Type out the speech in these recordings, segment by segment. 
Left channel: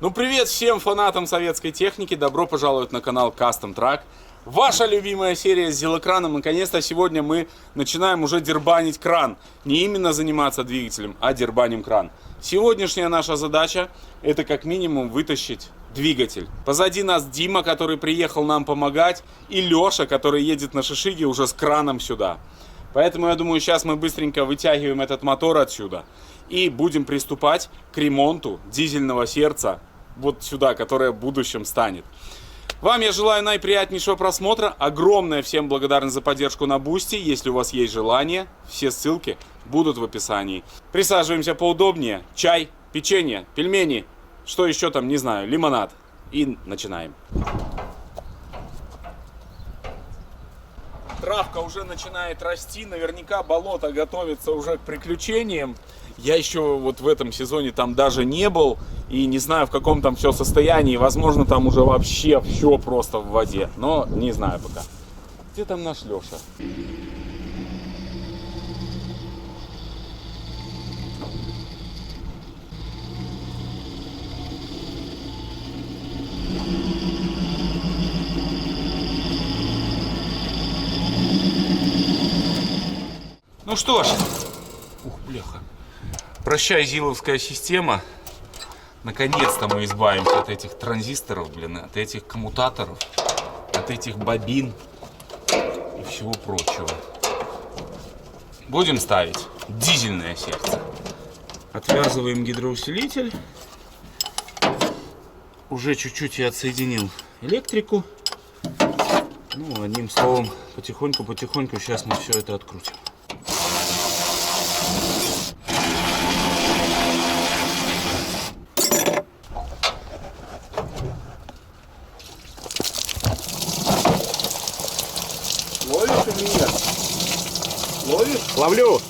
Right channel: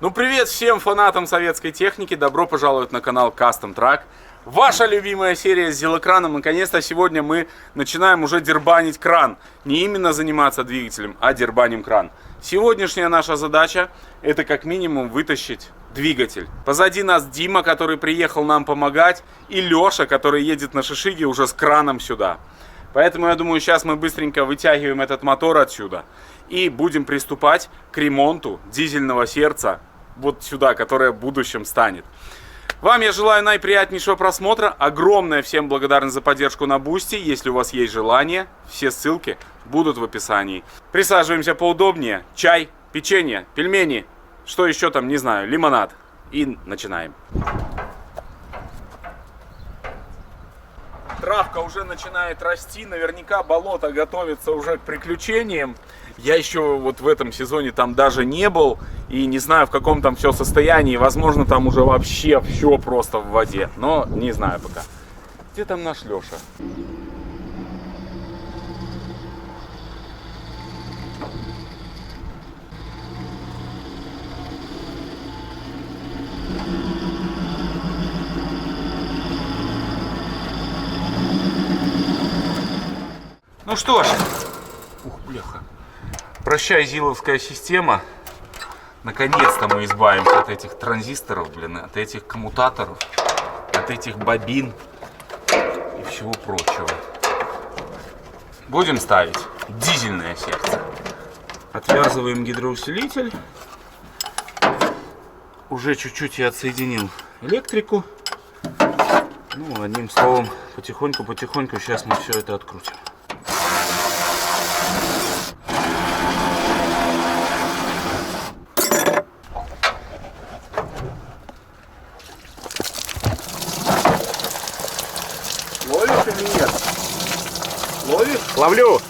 Ну привет всем фанатам советской техники, добро пожаловать на канал Custom Truck. Ваша любимая серия с зилокраном. Наконец-то сегодня мы начинаем уже дербанить кран. Не именно заниматься двигателем, а дербаним кран. Сегодняшняя наша задача — это как минимум вытащить двигатель. Позади нас Дима, который приехал нам помогать, и Леша, который едет на шишиге уже с краном сюда. Поэтому я думаю, сейчас мы быстренько вытягиваем этот мотор отсюда и будем приступать к ремонту дизельного сердца вот сюда, которое в будущем станет. Вам я желаю наиприятнейшего просмотра. Огромная всем благодарность за поддержку на Бусти. Если у вас есть желание, все ссылки будут в описании. Присаживаемся поудобнее. Чай, печенье, пельмени, что еще там, не знаю, лимонад. И начинаем. Травка уже начинает расти, наверняка болото готовится уже к приключениям. Я еще вот в этом сезоне там даже не был и не знаю, в каком там все состоянии. Возможно, там уже вообще все просто в воде, но не знаю пока. Где там наш Леша? Ну что ж, бляха. Прощай, зиловская система. Наконец-то мы избавимся от этих транзисторов, от этих коммутаторов, от этих бобин и всего прочего. Будем ставить дизельное сердце. Отвязываем гидроусилитель. Уже чуть-чуть я отсоединил электрику. Ну, одним словом, потихоньку сейчас мы все это открутим. Ловишь или нет? Ловишь? Ловлю!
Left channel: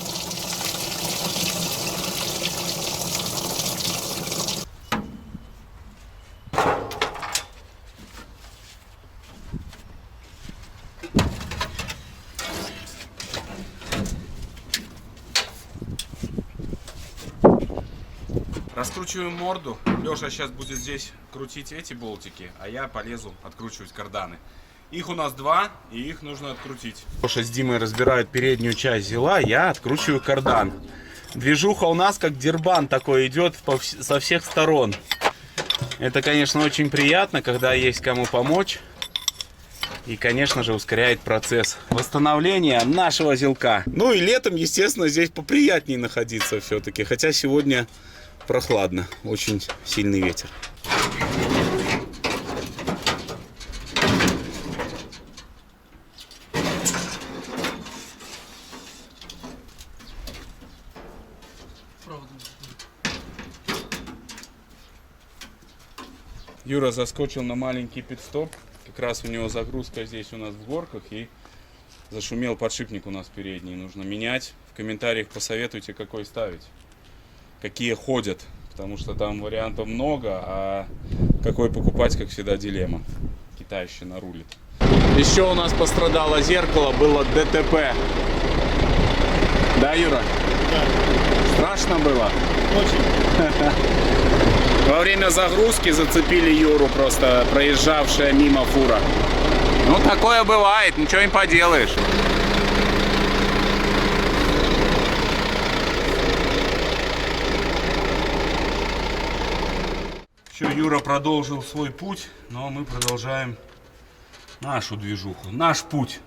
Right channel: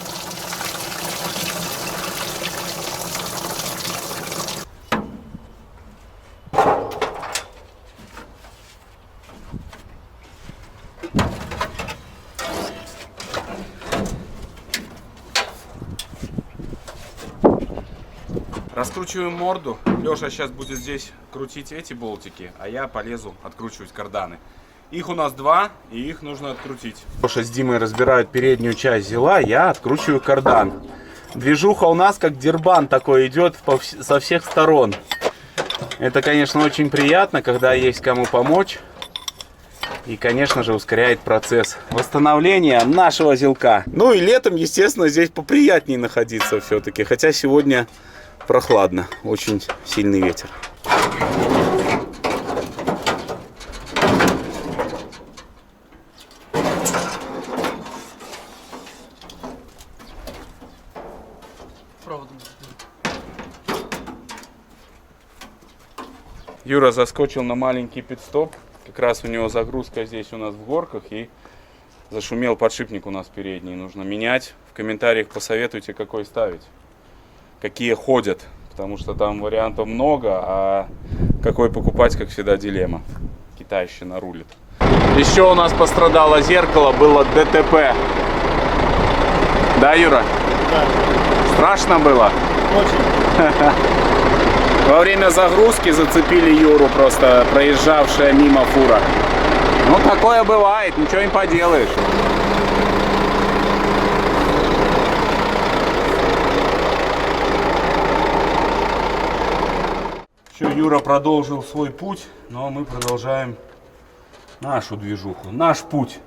Раскручиваем морду. Леша сейчас будет здесь крутить эти болтики, а я полезу откручивать карданы. Их у нас два, и их нужно открутить. Леша с Димой разбирают переднюю часть зила, я откручиваю кардан. Движуха у нас как дербан такой идет со всех сторон. Это, конечно, очень приятно, когда есть кому помочь. И, конечно же, ускоряет процесс восстановления нашего зилка. Ну и летом, естественно, здесь поприятнее находиться все-таки. Хотя сегодня прохладно, очень сильный ветер. Юра заскочил на маленький пит-стоп. Как раз у него загрузка здесь у нас в горках. И зашумел подшипник у нас передний. Нужно менять. В комментариях посоветуйте, какой ставить. Какие ходят. Потому что там вариантов много. А какой покупать, как всегда, дилемма. Китайщина рулит. Еще у нас пострадало зеркало. Было ДТП. Да, Юра? Да. Страшно было? Очень. Во время загрузки зацепили Юру, просто проезжавшая мимо фура. Ну, такое бывает, ничего не поделаешь. Все, Юра продолжил свой путь, но мы продолжаем нашу движуху, наш путь.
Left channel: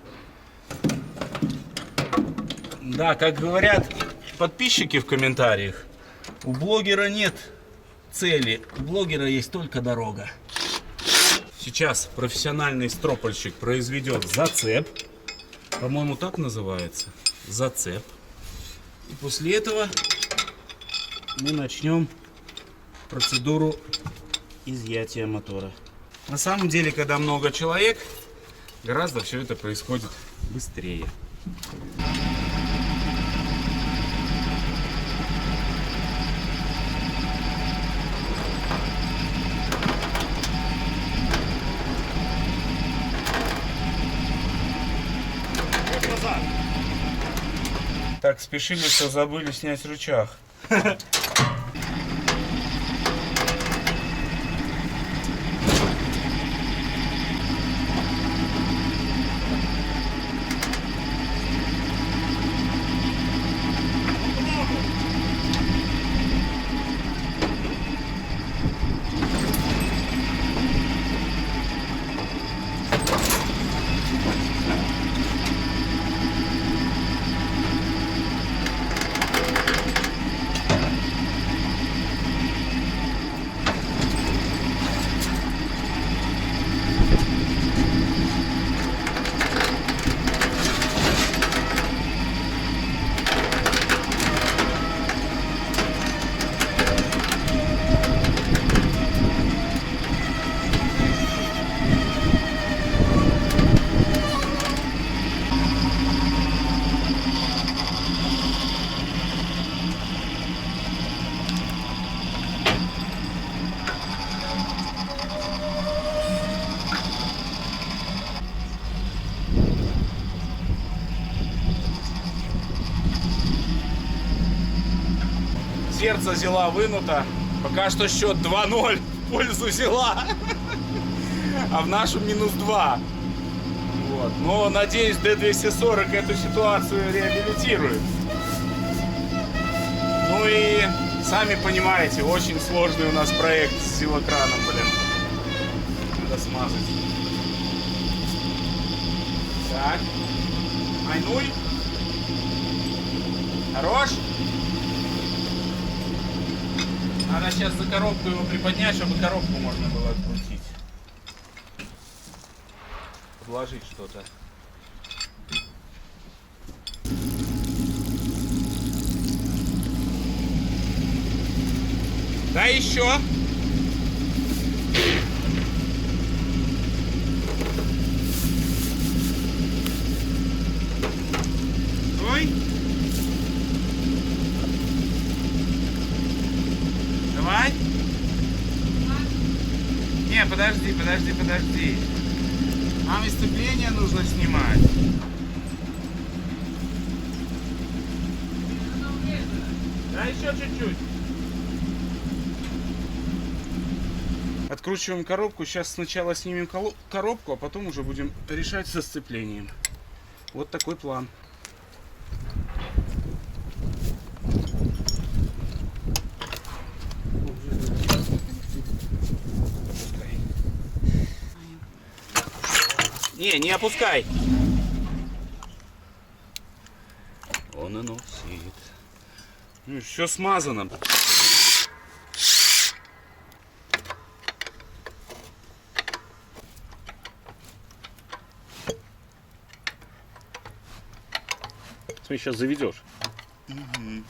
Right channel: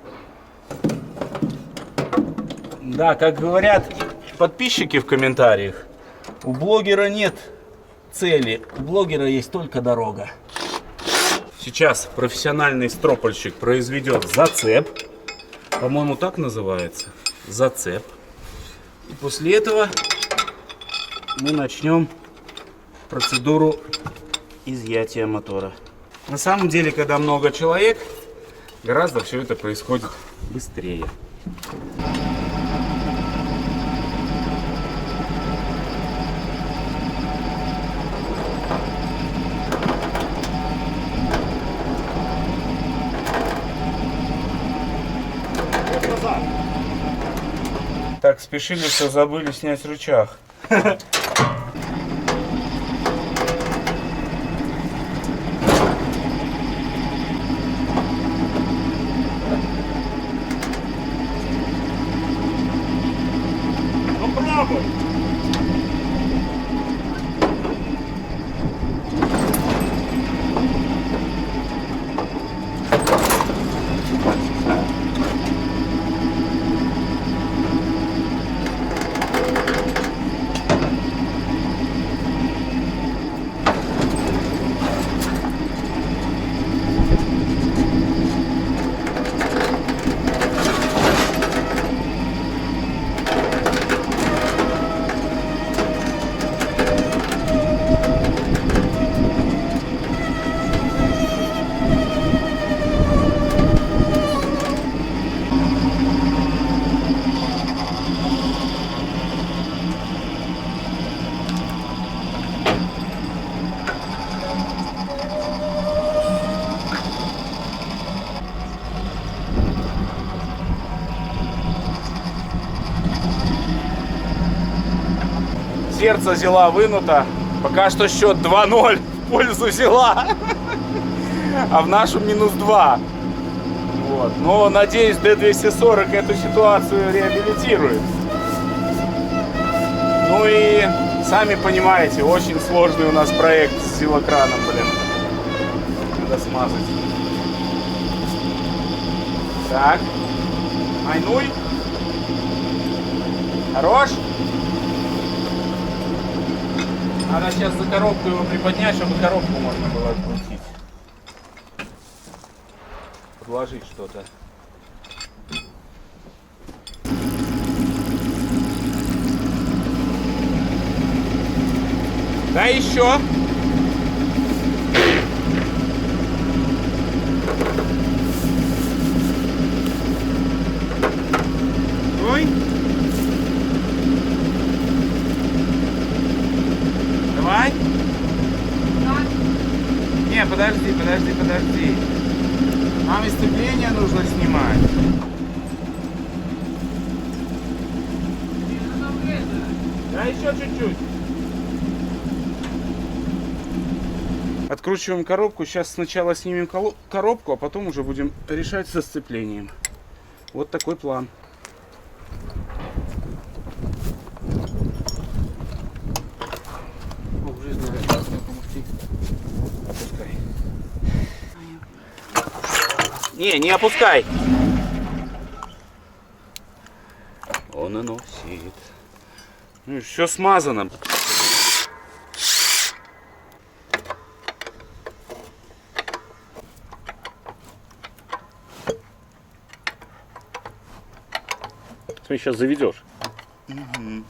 Да, как говорят подписчики в комментариях, у блогера нет цели, у блогера есть только дорога. Сейчас профессиональный стропольщик произведет зацеп. По-моему, так называется. Зацеп. И после этого мы начнем процедуру изъятия мотора. На самом деле, когда много человек, гораздо все это происходит быстрее. Так спешили, что забыли снять рычаг. Сердце Зила вынуто. Пока что счет 2-0 в пользу Зила. А в нашу -2. Вот. Но надеюсь, D240 эту ситуацию реабилитирует. Ну и сами понимаете, очень сложный у нас проект с Зилокраном, блин. Надо смазать. Так. Айнуй. Хорош. Надо сейчас за коробку его приподнять, чтобы коробку можно было открутить. Подложить что-то. Да еще. Ой. Давай. Не, подожди. Нам сцепление нужно снимать. Да еще чуть-чуть. Откручиваем коробку. Сейчас сначала снимем коробку, а потом уже будем решать со сцеплением. Вот такой план. Опускай. Не опускай. Он и носит. Ну, все смазано. Ты сейчас заведешь. Угу.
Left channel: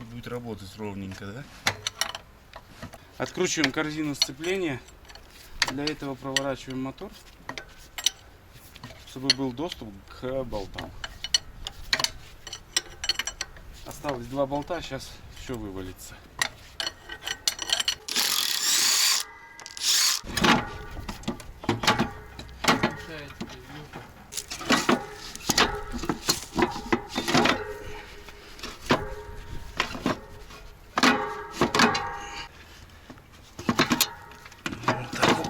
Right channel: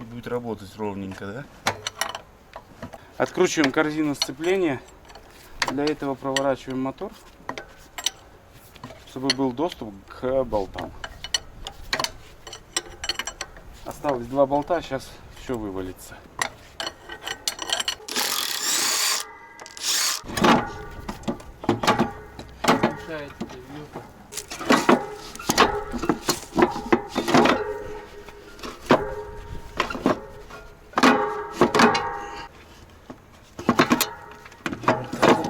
Будет работать ровненько, да? Откручиваем корзину сцепления. Для этого проворачиваем мотор, чтобы был доступ к болтам. Осталось 2 болта, сейчас все вывалится.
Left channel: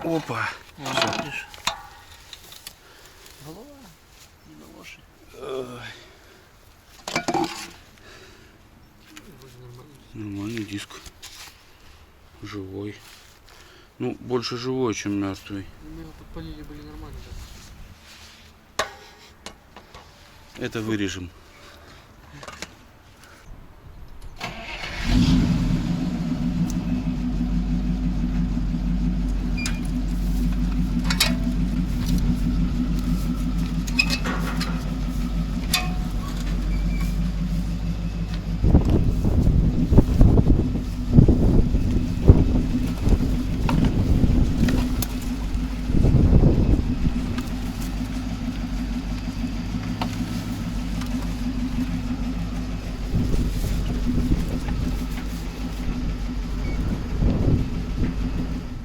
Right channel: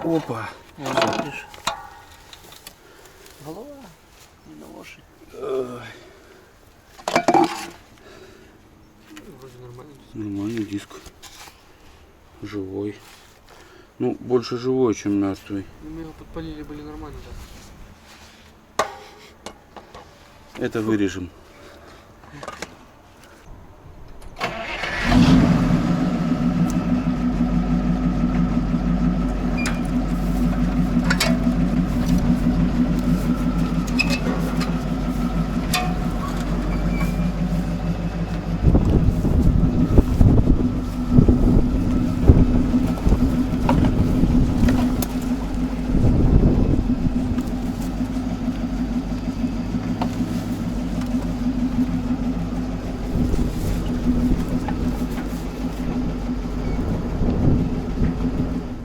Опа. Видишь? Голова не на лошадь. Вроде нормальный диск. Нормальный диск. Живой. Ну, больше живой, чем мертвый. Мы его подпалили, были нормально, да. Это вырежем.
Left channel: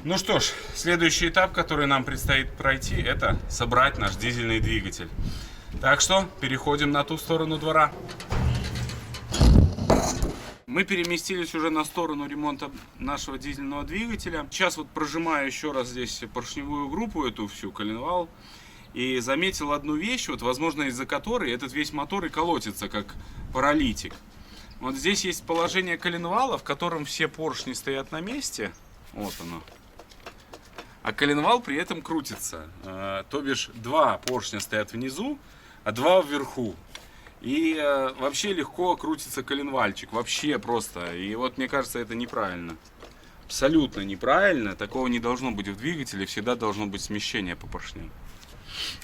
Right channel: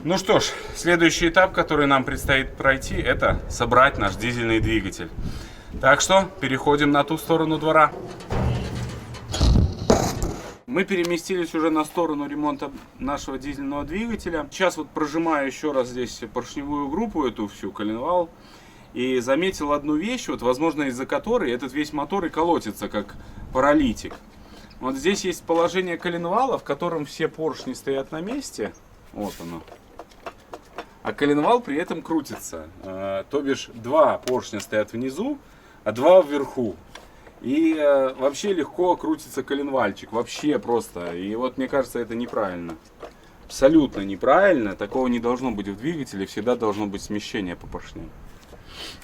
Ну что ж, следующий этап, который нам предстоит пройти, это собрать наш дизельный двигатель. Так что переходим на ту сторону двора. Мы переместились уже на сторону ремонта нашего дизельного двигателя. Сейчас вот прожимаю еще раз здесь поршневую группу, эту всю коленвал. И заметил одну вещь, вот, возможно, из-за которой этот весь мотор и колотится, как паралитик. Вот здесь есть положение коленвала, в котором все поршни стоят на месте. Вот оно. А коленвал при этом крутится. То бишь 2 поршня стоят внизу, а 2 вверху. И вообще легко крутится коленвальчик. Вообще просто. И вот мне кажется, это неправильно. Абсолютно неправильно. Такого не должно быть в двигателе. Всегда должно быть смещение по поршням.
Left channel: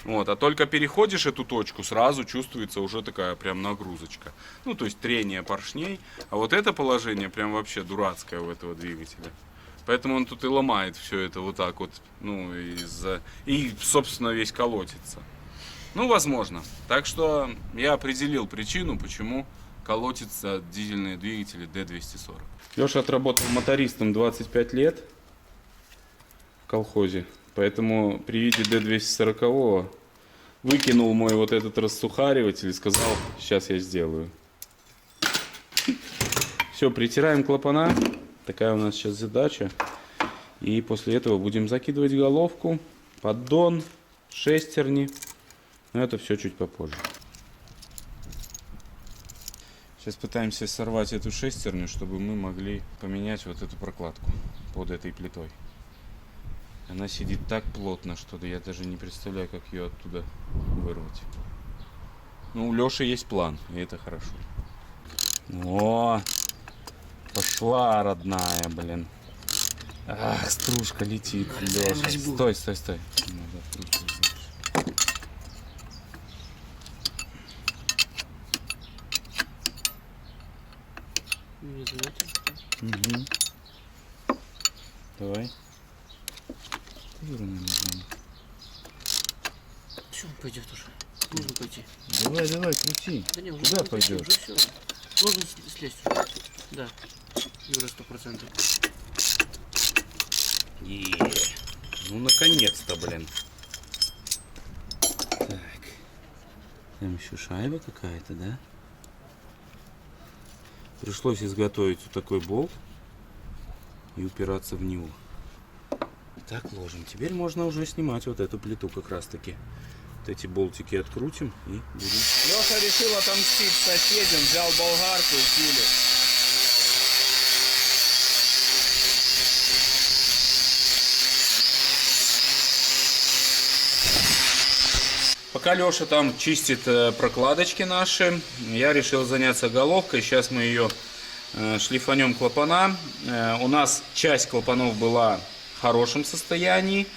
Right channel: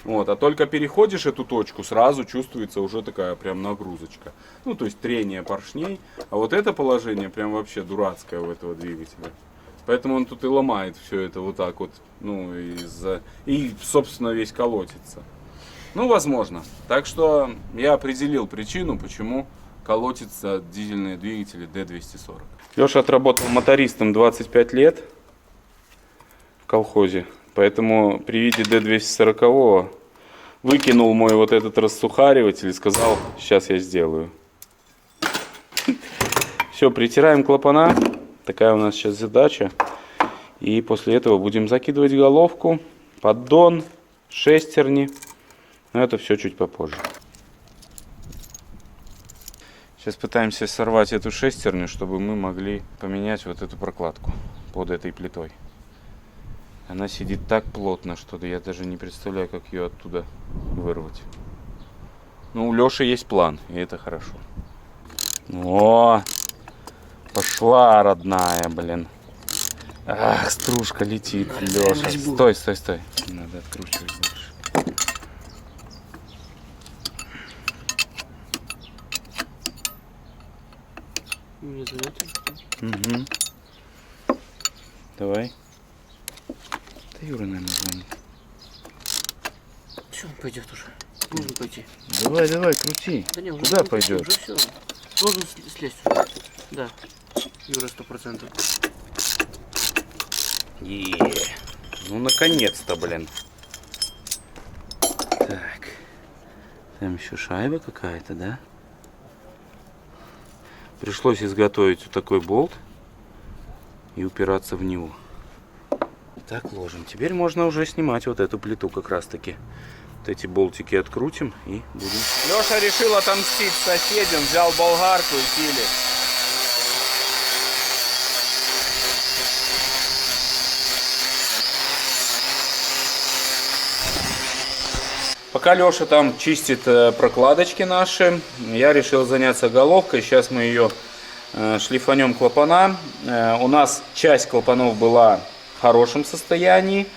Вот. А только переходишь эту точку, сразу чувствуется уже такая прям нагрузочка. Ну, то есть трение поршней. А вот это положение прям вообще дурацкое у этого двигателя. Поэтому он тут и ломает все это вот так вот, ну, и, собственно, весь колотится. Ну, возможно. Так что я определил причину, почему колотятся дизельные двигатели D240. Леша отработал мотористом 25 лет в колхозе, поэтому при виде D240 выкинул мой вот этот рассухариватель и сказал, сейчас я сделаю. Все, притираем клапана. Такая у нас сейчас задача. И после этого будем закидывать головку, поддон, шестерни. Но это все чуть попозже. Сейчас пытаемся сорвать эту шестерню, чтобы мы могли поменять вот эту прокладку под этой плитой. Она сидит так плотно, что я даже не представляю, как ее оттуда вырвать. Ну, у Лёши есть план, и это хорошо. О, пошла, родная, блин. Ах, стружка летит, Лёша. Стой, стой, стой. Надо откручивать больше. Не заметил? Угу. Давай. Да Юра, наверное, звонит. Все, он пойдет уже. Нужно пойти. Давай, давай, крути. Да не, уже Куда пойти, пойдет? уже все. Должен слезть уже. Да. Юра 100%. Ну, наконец-то, блин. Так. Там еще шайба какая-то, да? Пришлось изготовить вот такой болт и упираться в него. Так, ложим. Теперь можно уже снимать вот эту плиту как раз-таки. Вот эти болтики открутим и будем... Леша решил отомстить соседям, взял болгарку и пили. Пока Леша там чистит прокладочки наши, я решил заняться головкой. Сейчас мы ее шлифанем клапана. У нас часть клапанов была в хорошем состоянии.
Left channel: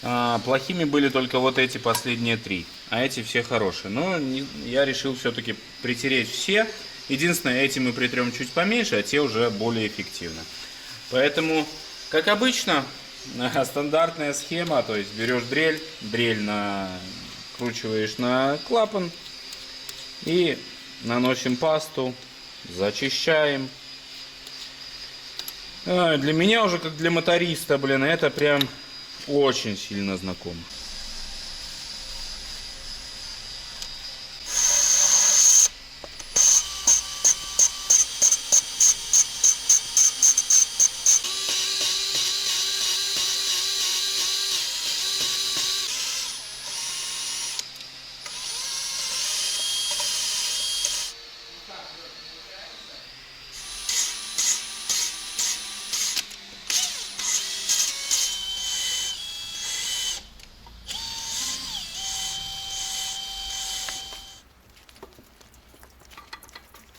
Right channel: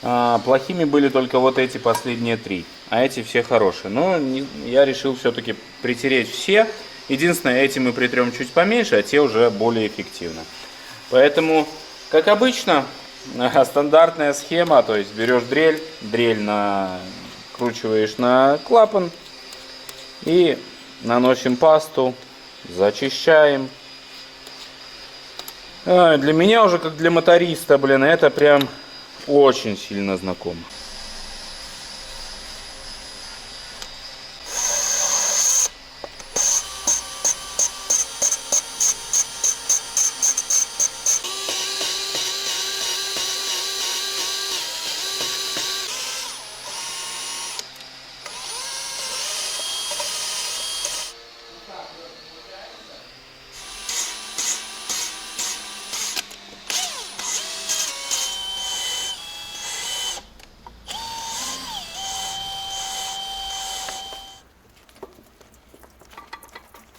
Плохими были только вот эти последние 3. А эти все хорошие. Но я решил все-таки притереть все. Единственное, эти мы притрем чуть поменьше, а те уже более эффективно. Поэтому, как обычно, стандартная схема. То есть берешь дрель накручиваешь на клапан и наносим пасту, зачищаем. Для меня уже, как для моториста, блин, это прям очень сильно знакомо.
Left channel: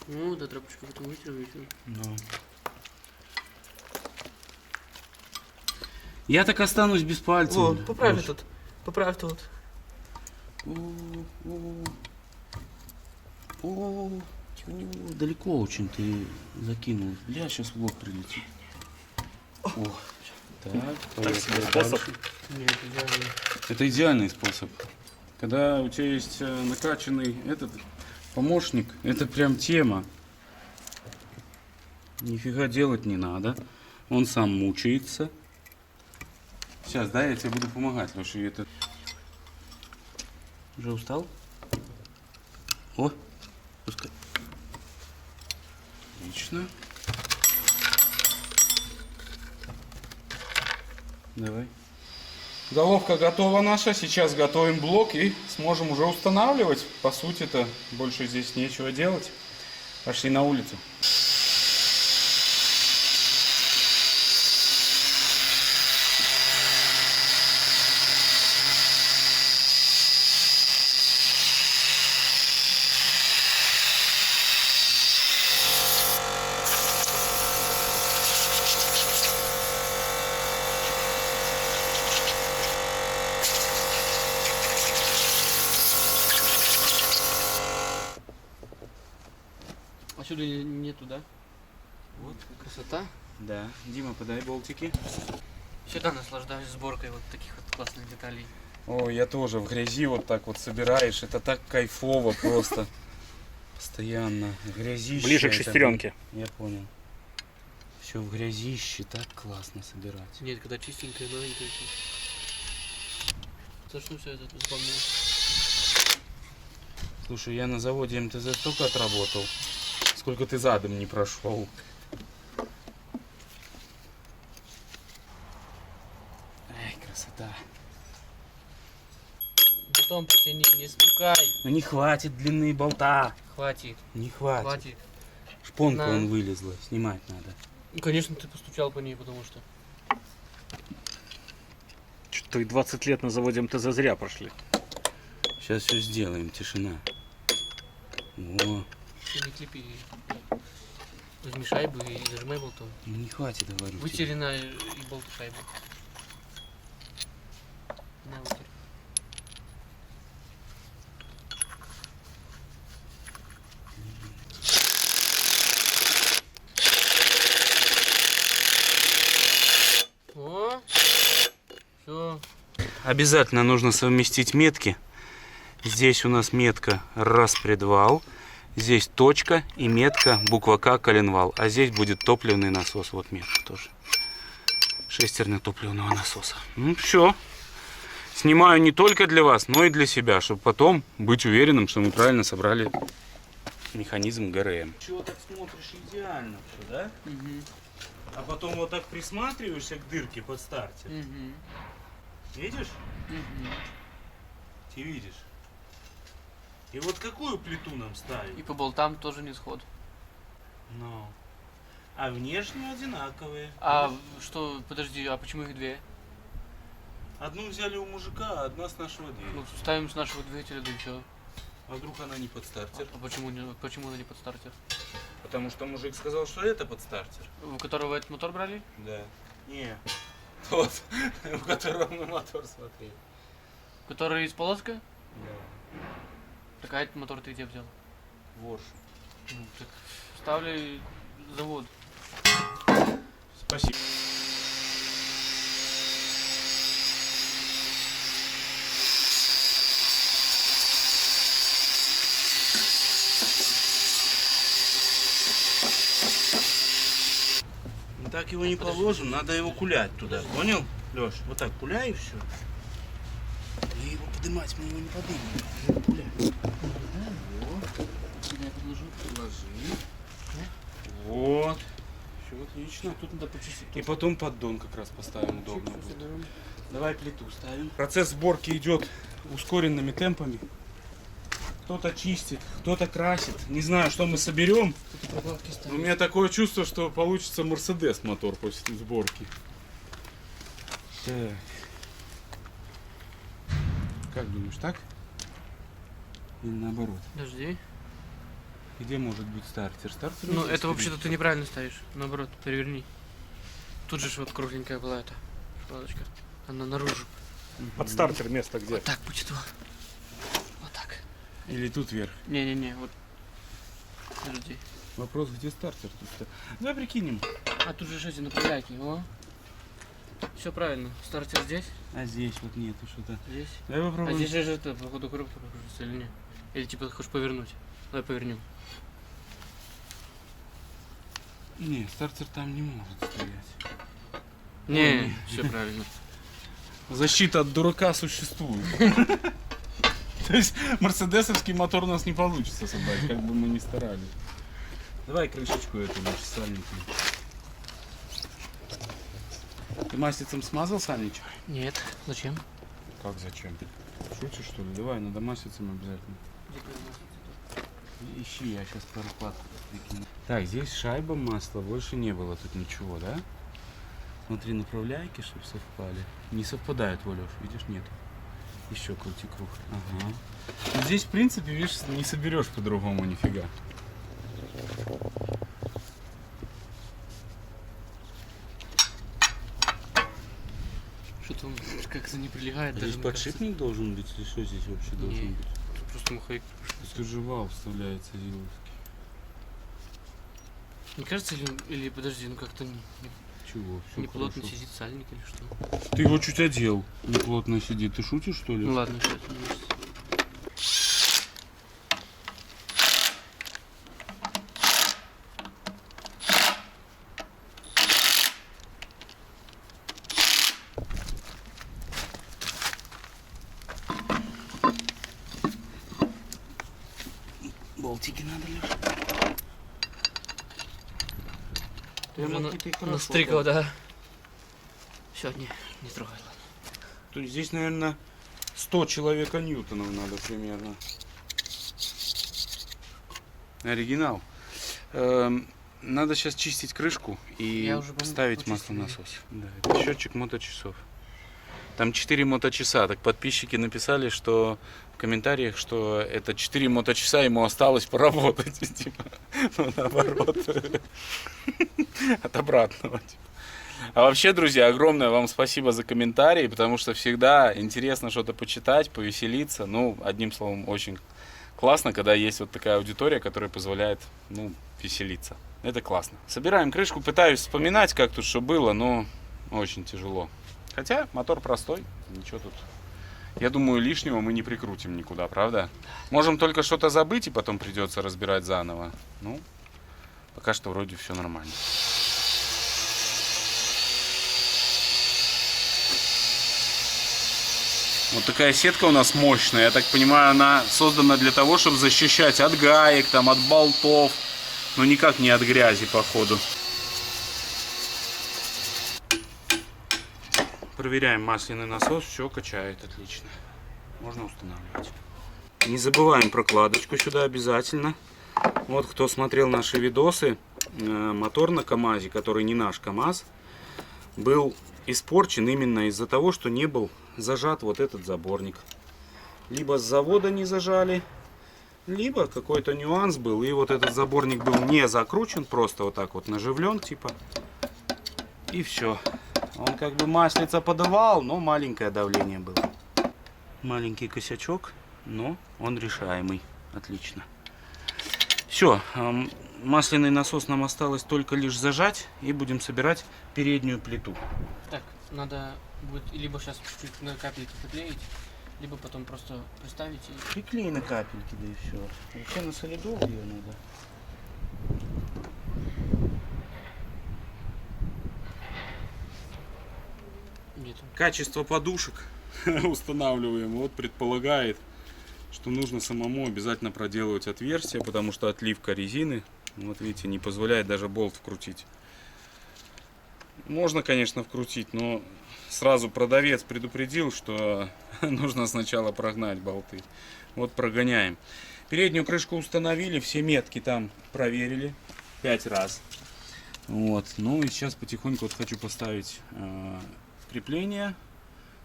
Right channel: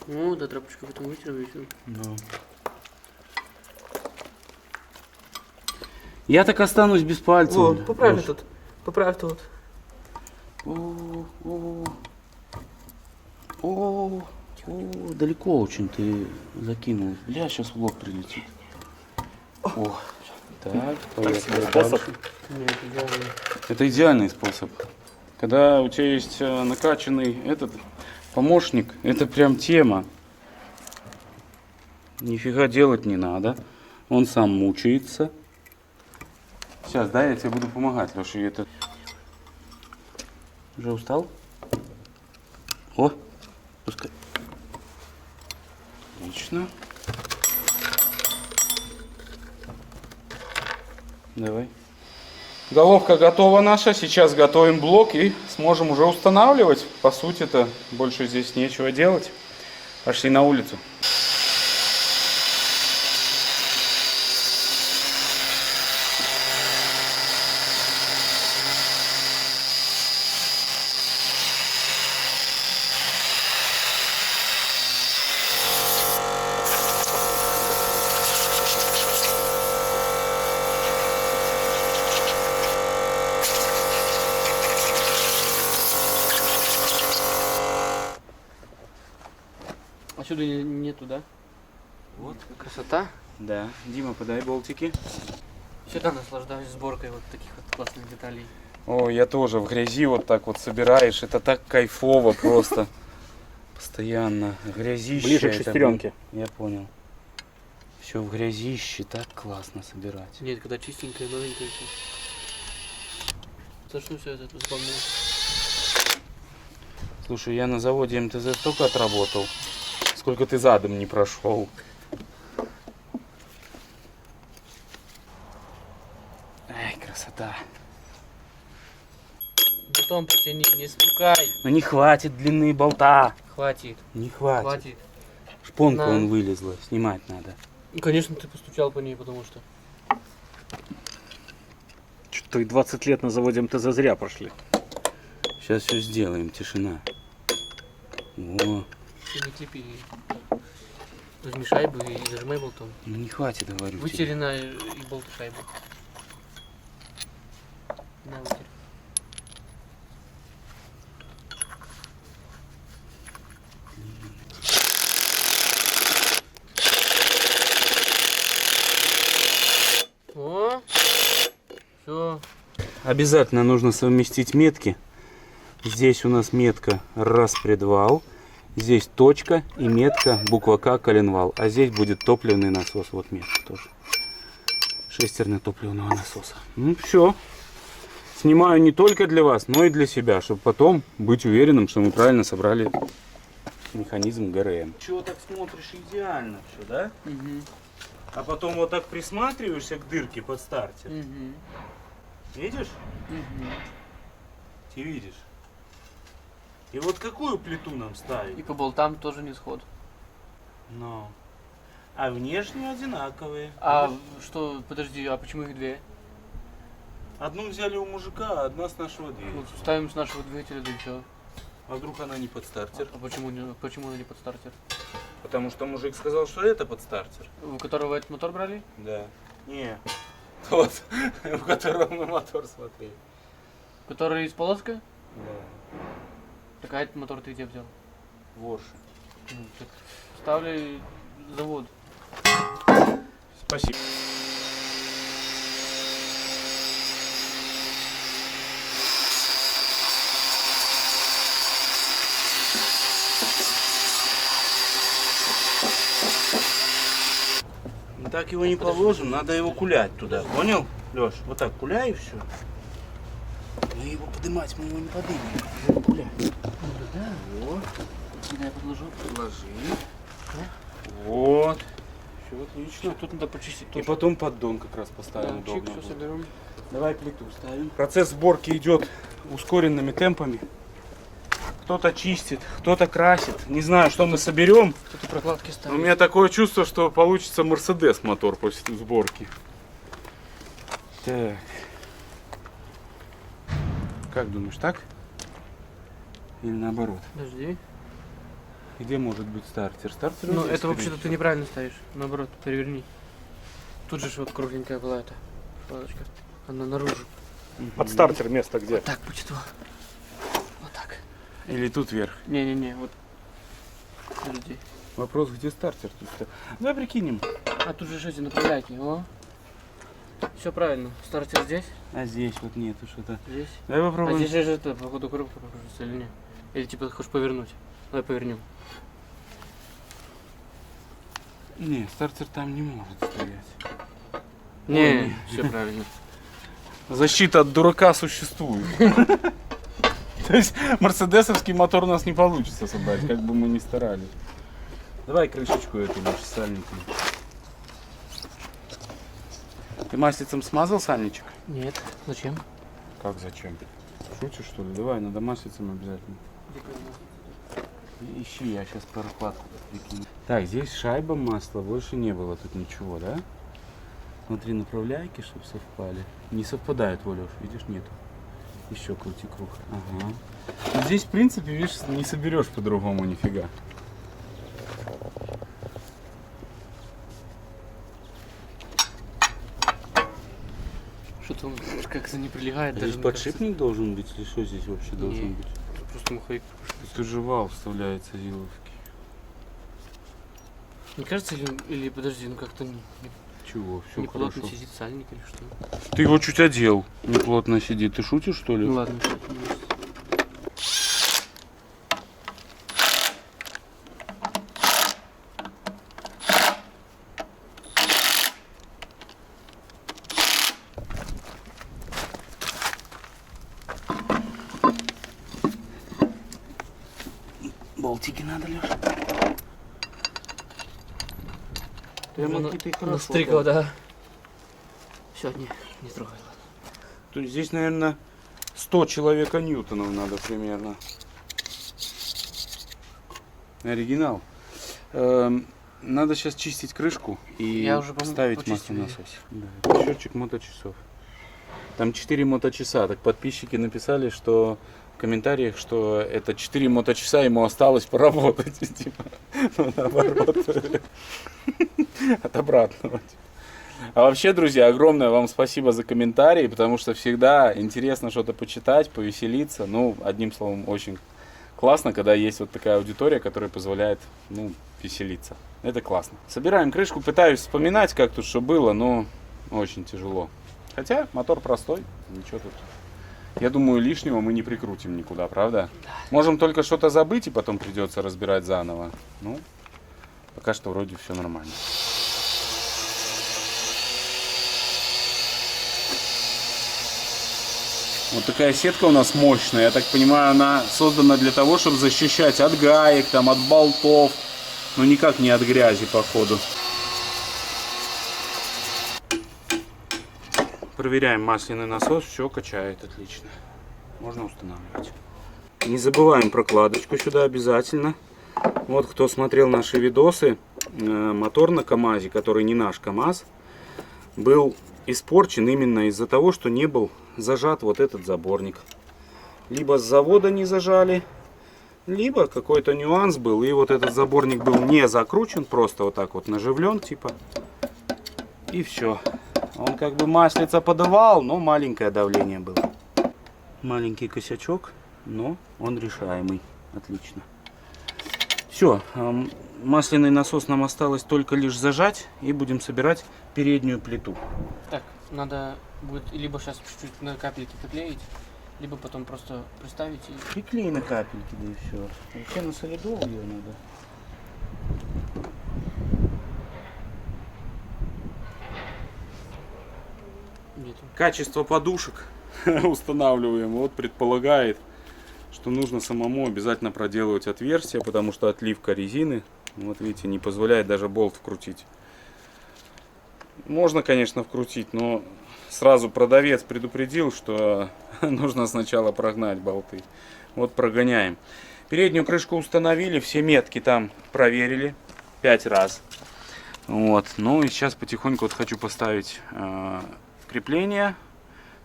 Ну, да, тряпочку потом вытерем и все. Ну. Я так останусь без пальцев. Вот, поправь тут. Поправь тут. О, далеко очень ты закинул. Бля, сейчас в лоб прилетит. О, так, поехали дальше. Нет, идеально. Это идеальный способ. Когда у тебя есть накачанный этот помощник, это прям тема. Нифига делать не надо. Он сам мучается. Сейчас, да, я тебе буду помогать, Леша. Это... Уже устал? О, пускай. Отлично. Давай. Головка готова наша. Сейчас готовим блок и сможем уже устанавливать. По сути-то больше здесь нечего делать. Пошли на улицу. Отсюда нету, да? Вот. Красота. Да. Дима, подай болтики. Всегда наслаждаюсь сборкой вот таких вот классных деталей. О, я тоже в грязи вот так вот собираешь. Это так кайфово просто. Постоянно. Грязище. Ближе к шестеренке. Я понял. Все в грязище. Так классно собирать. Нет, когда чистенькое, новенькое все. Зачну все это заполнять. Слушай, я на заводе МТЗ столько отработал, сколько ты задом не прошел. Ай, красота. Потом потяни, не стукай. Ну не хватит длины болта. Хватит, Не хватит. хватит. Шпонка На. вон вылезла, снимать надо. Ну, конечно, ты постучал по ней, потому что... Что-то и 20 лет на заводе МТЗ зря прошли. Сейчас все сделаем, тишина. О, Ты не клепи. Возьми шайбу и зажимай болтом. ну не хватит, говорю. Вытери на и болт и шайбу. На, вытери. О, все. Обязательно нужно совместить метки. Здесь у нас метка распредвал. Здесь точка и метка буква К коленвал. А здесь будет топливный насос. Вот метка тоже. Шестерня топливного насоса. Ну все. Снимаю не только для вас, но и для себя, чтобы потом быть уверенным, что мы правильно собрали механизм ГРМ. Чего так смотришь, идеально все, да? Угу. А потом вот так присматриваешься к дырке под стартер. Угу. Видишь? Угу. Ты видишь. И вот какую плиту нам ставить? И по болтам тоже не сход. Ну. А внешне одинаковые. А что, подожди, а почему их две? Одну взяли у мужика, а одна с нашего Ну, двигателя. ставим с нашего двигателя, да и все. А вдруг она не под стартер? А почему она не под стартер? Потому что мужик сказал, что это под стартер. У которого этот мотор брали? Да. Не. Тот, у которого мы мотор смотрели. Который из полоска? Да. Так а этот мотор ты где взял? Ворши. Ну, так ставлю завод. Спасибо. Так его не положим, надо его кулять туда, понял, Леш? Вот так куляй и все. Мы его поднимать, мы его не поднимем, его кулять. Да. Вот, Я подложу. положи. Вот. Все отлично. Тут надо почистить. И потом поддон как раз поставим, Да, удобно чик, всё будет. соберем. Давай плиту ставим. Процесс сборки идет ускоренными темпами. Кто-то чистит, кто-то красит. Не знаю, что мы соберем. Тут прокладки Но ставим. у меня такое чувство, что получится Мерседес мотор после сборки. Так. Как думаешь, так? Или наоборот? Подожди. Где может быть стартер? Стартер Ну, здесь, это вообще-то конечно. ты неправильно ставишь. Наоборот, переверни. Тут же ж вот кругленькая была эта шпалочка. Она наружу. Под стартер место где? Вот так будет. Вот так. Или тут вверх. Не-не-не, вот. Подожди. Вопрос, где стартер? Тут давай прикинем. А тут же эти направляйки. О. Все правильно. Стартер здесь, А здесь вот нету что-то. здесь. Давай А попробуем. здесь же это, походу, коробка покружится или нет? Или типа ты хочешь повернуть? Давай повернем. Не, стартер там не может стоять. Не, все правильно. Защита от дурака существует. То есть мерседесовский мотор у нас не получится собрать, как бы мы ни старались. Давай крышечку эту наш сальником. Ты маслицем смазал сальничек? Нет, зачем? Как зачем? Шутишь что ли? Давай, надо маслицем обязательно. Ищи, я сейчас прокладку прикину. Так, здесь шайба масла, больше не было тут ничего, да? Смотри, направляйки, чтобы совпали. Не совпадают, Волёш, видишь, нету. Еще крути круг. Ага. Но здесь, в принципе, видишь, не соберешь по-другому нифига. Что-то он как-то не прилегает. А даже, здесь мне кажется. подшипник должен быть или что здесь вообще должен Не. быть? Тут просто маховик. Тут же вал вставляется зиловский. Мне кажется, или подожди, ну как-то Чего? Все не плотно хорошо. сидит сальник или что? Ты его чуть одел. Неплотно сидит. Ты шутишь, что ли? Ну ладно, что это не есть. Болтики надо, Леш. Ты уже Ремонтки ты хорошо настрикал, да? Все, не трогай, ладно. То есть здесь, наверное, 100 человека ньютонов надо примерно. Оригинал. Надо сейчас чистить крышку и Я уже, ставить маслонасос. Да, это счетчик моточасов. Там 4 моточаса. Так подписчики написали, что в комментариях, что это 4 моточаса ему осталось поработать. Типа, ну, наоборот. От обратного. А вообще, друзья, огромное вам спасибо за комментарии, потому что всегда интересно что-то почитать, повеселиться. Ну, одним словом, очень классно, когда есть вот такая аудитория, которая позволяет, ну, веселиться. Это классно. Собираем крышку, пытаюсь вспоминать, как тут что было, но очень тяжело. Хотя мотор простой, ничего тут. Я думаю, лишнего мы не прикрутим никуда, правда? Можем только что-то забыть и потом придется разбирать заново. Ну, пока что вроде все нормально. Вот такая сетка у нас мощная. Я так понимаю, она создана для того, чтобы защищать от гаек, там, от болтов. Но никак не от грязи, походу. Проверяем масляный насос. Все качает отлично. Можно устанавливать. Не забываем прокладочку сюда обязательно. Вот кто смотрел наши видосы, мотор на КамАЗе, который не наш КамАЗ, был испорчен именно из-за того, что не был зажат вот этот заборник. Либо с завода не зажали, либо какой-то нюанс был, и вот этот заборник был не закручен, просто вот так вот наживлен, типа. И все. Он как бы маслица подавал, но маленькое давление было. Маленький косячок, но он решаемый. Отлично. Все. Масляный насос нам осталось только лишь зажать, и будем собирать переднюю плиту. Так, надо будет либо сейчас чуть-чуть на капельки приклеить, либо потом просто приставить и... Приклей на капельки, да и все. Вообще на солидол ее надо. Где там? Качество подушек устанавливаем. Вот предполагает, что нужно самому обязательно проделывать отверстия, потому что отливка резины, вот видите, не позволяет даже болт вкрутить. Можно, конечно, вкрутить, но сразу продавец предупредил, что нужно сначала прогнать болты. Вот прогоняем. Переднюю крышку установили, все метки там проверили 5 раз. Вот. Ну и сейчас потихоньку вот хочу поставить крепление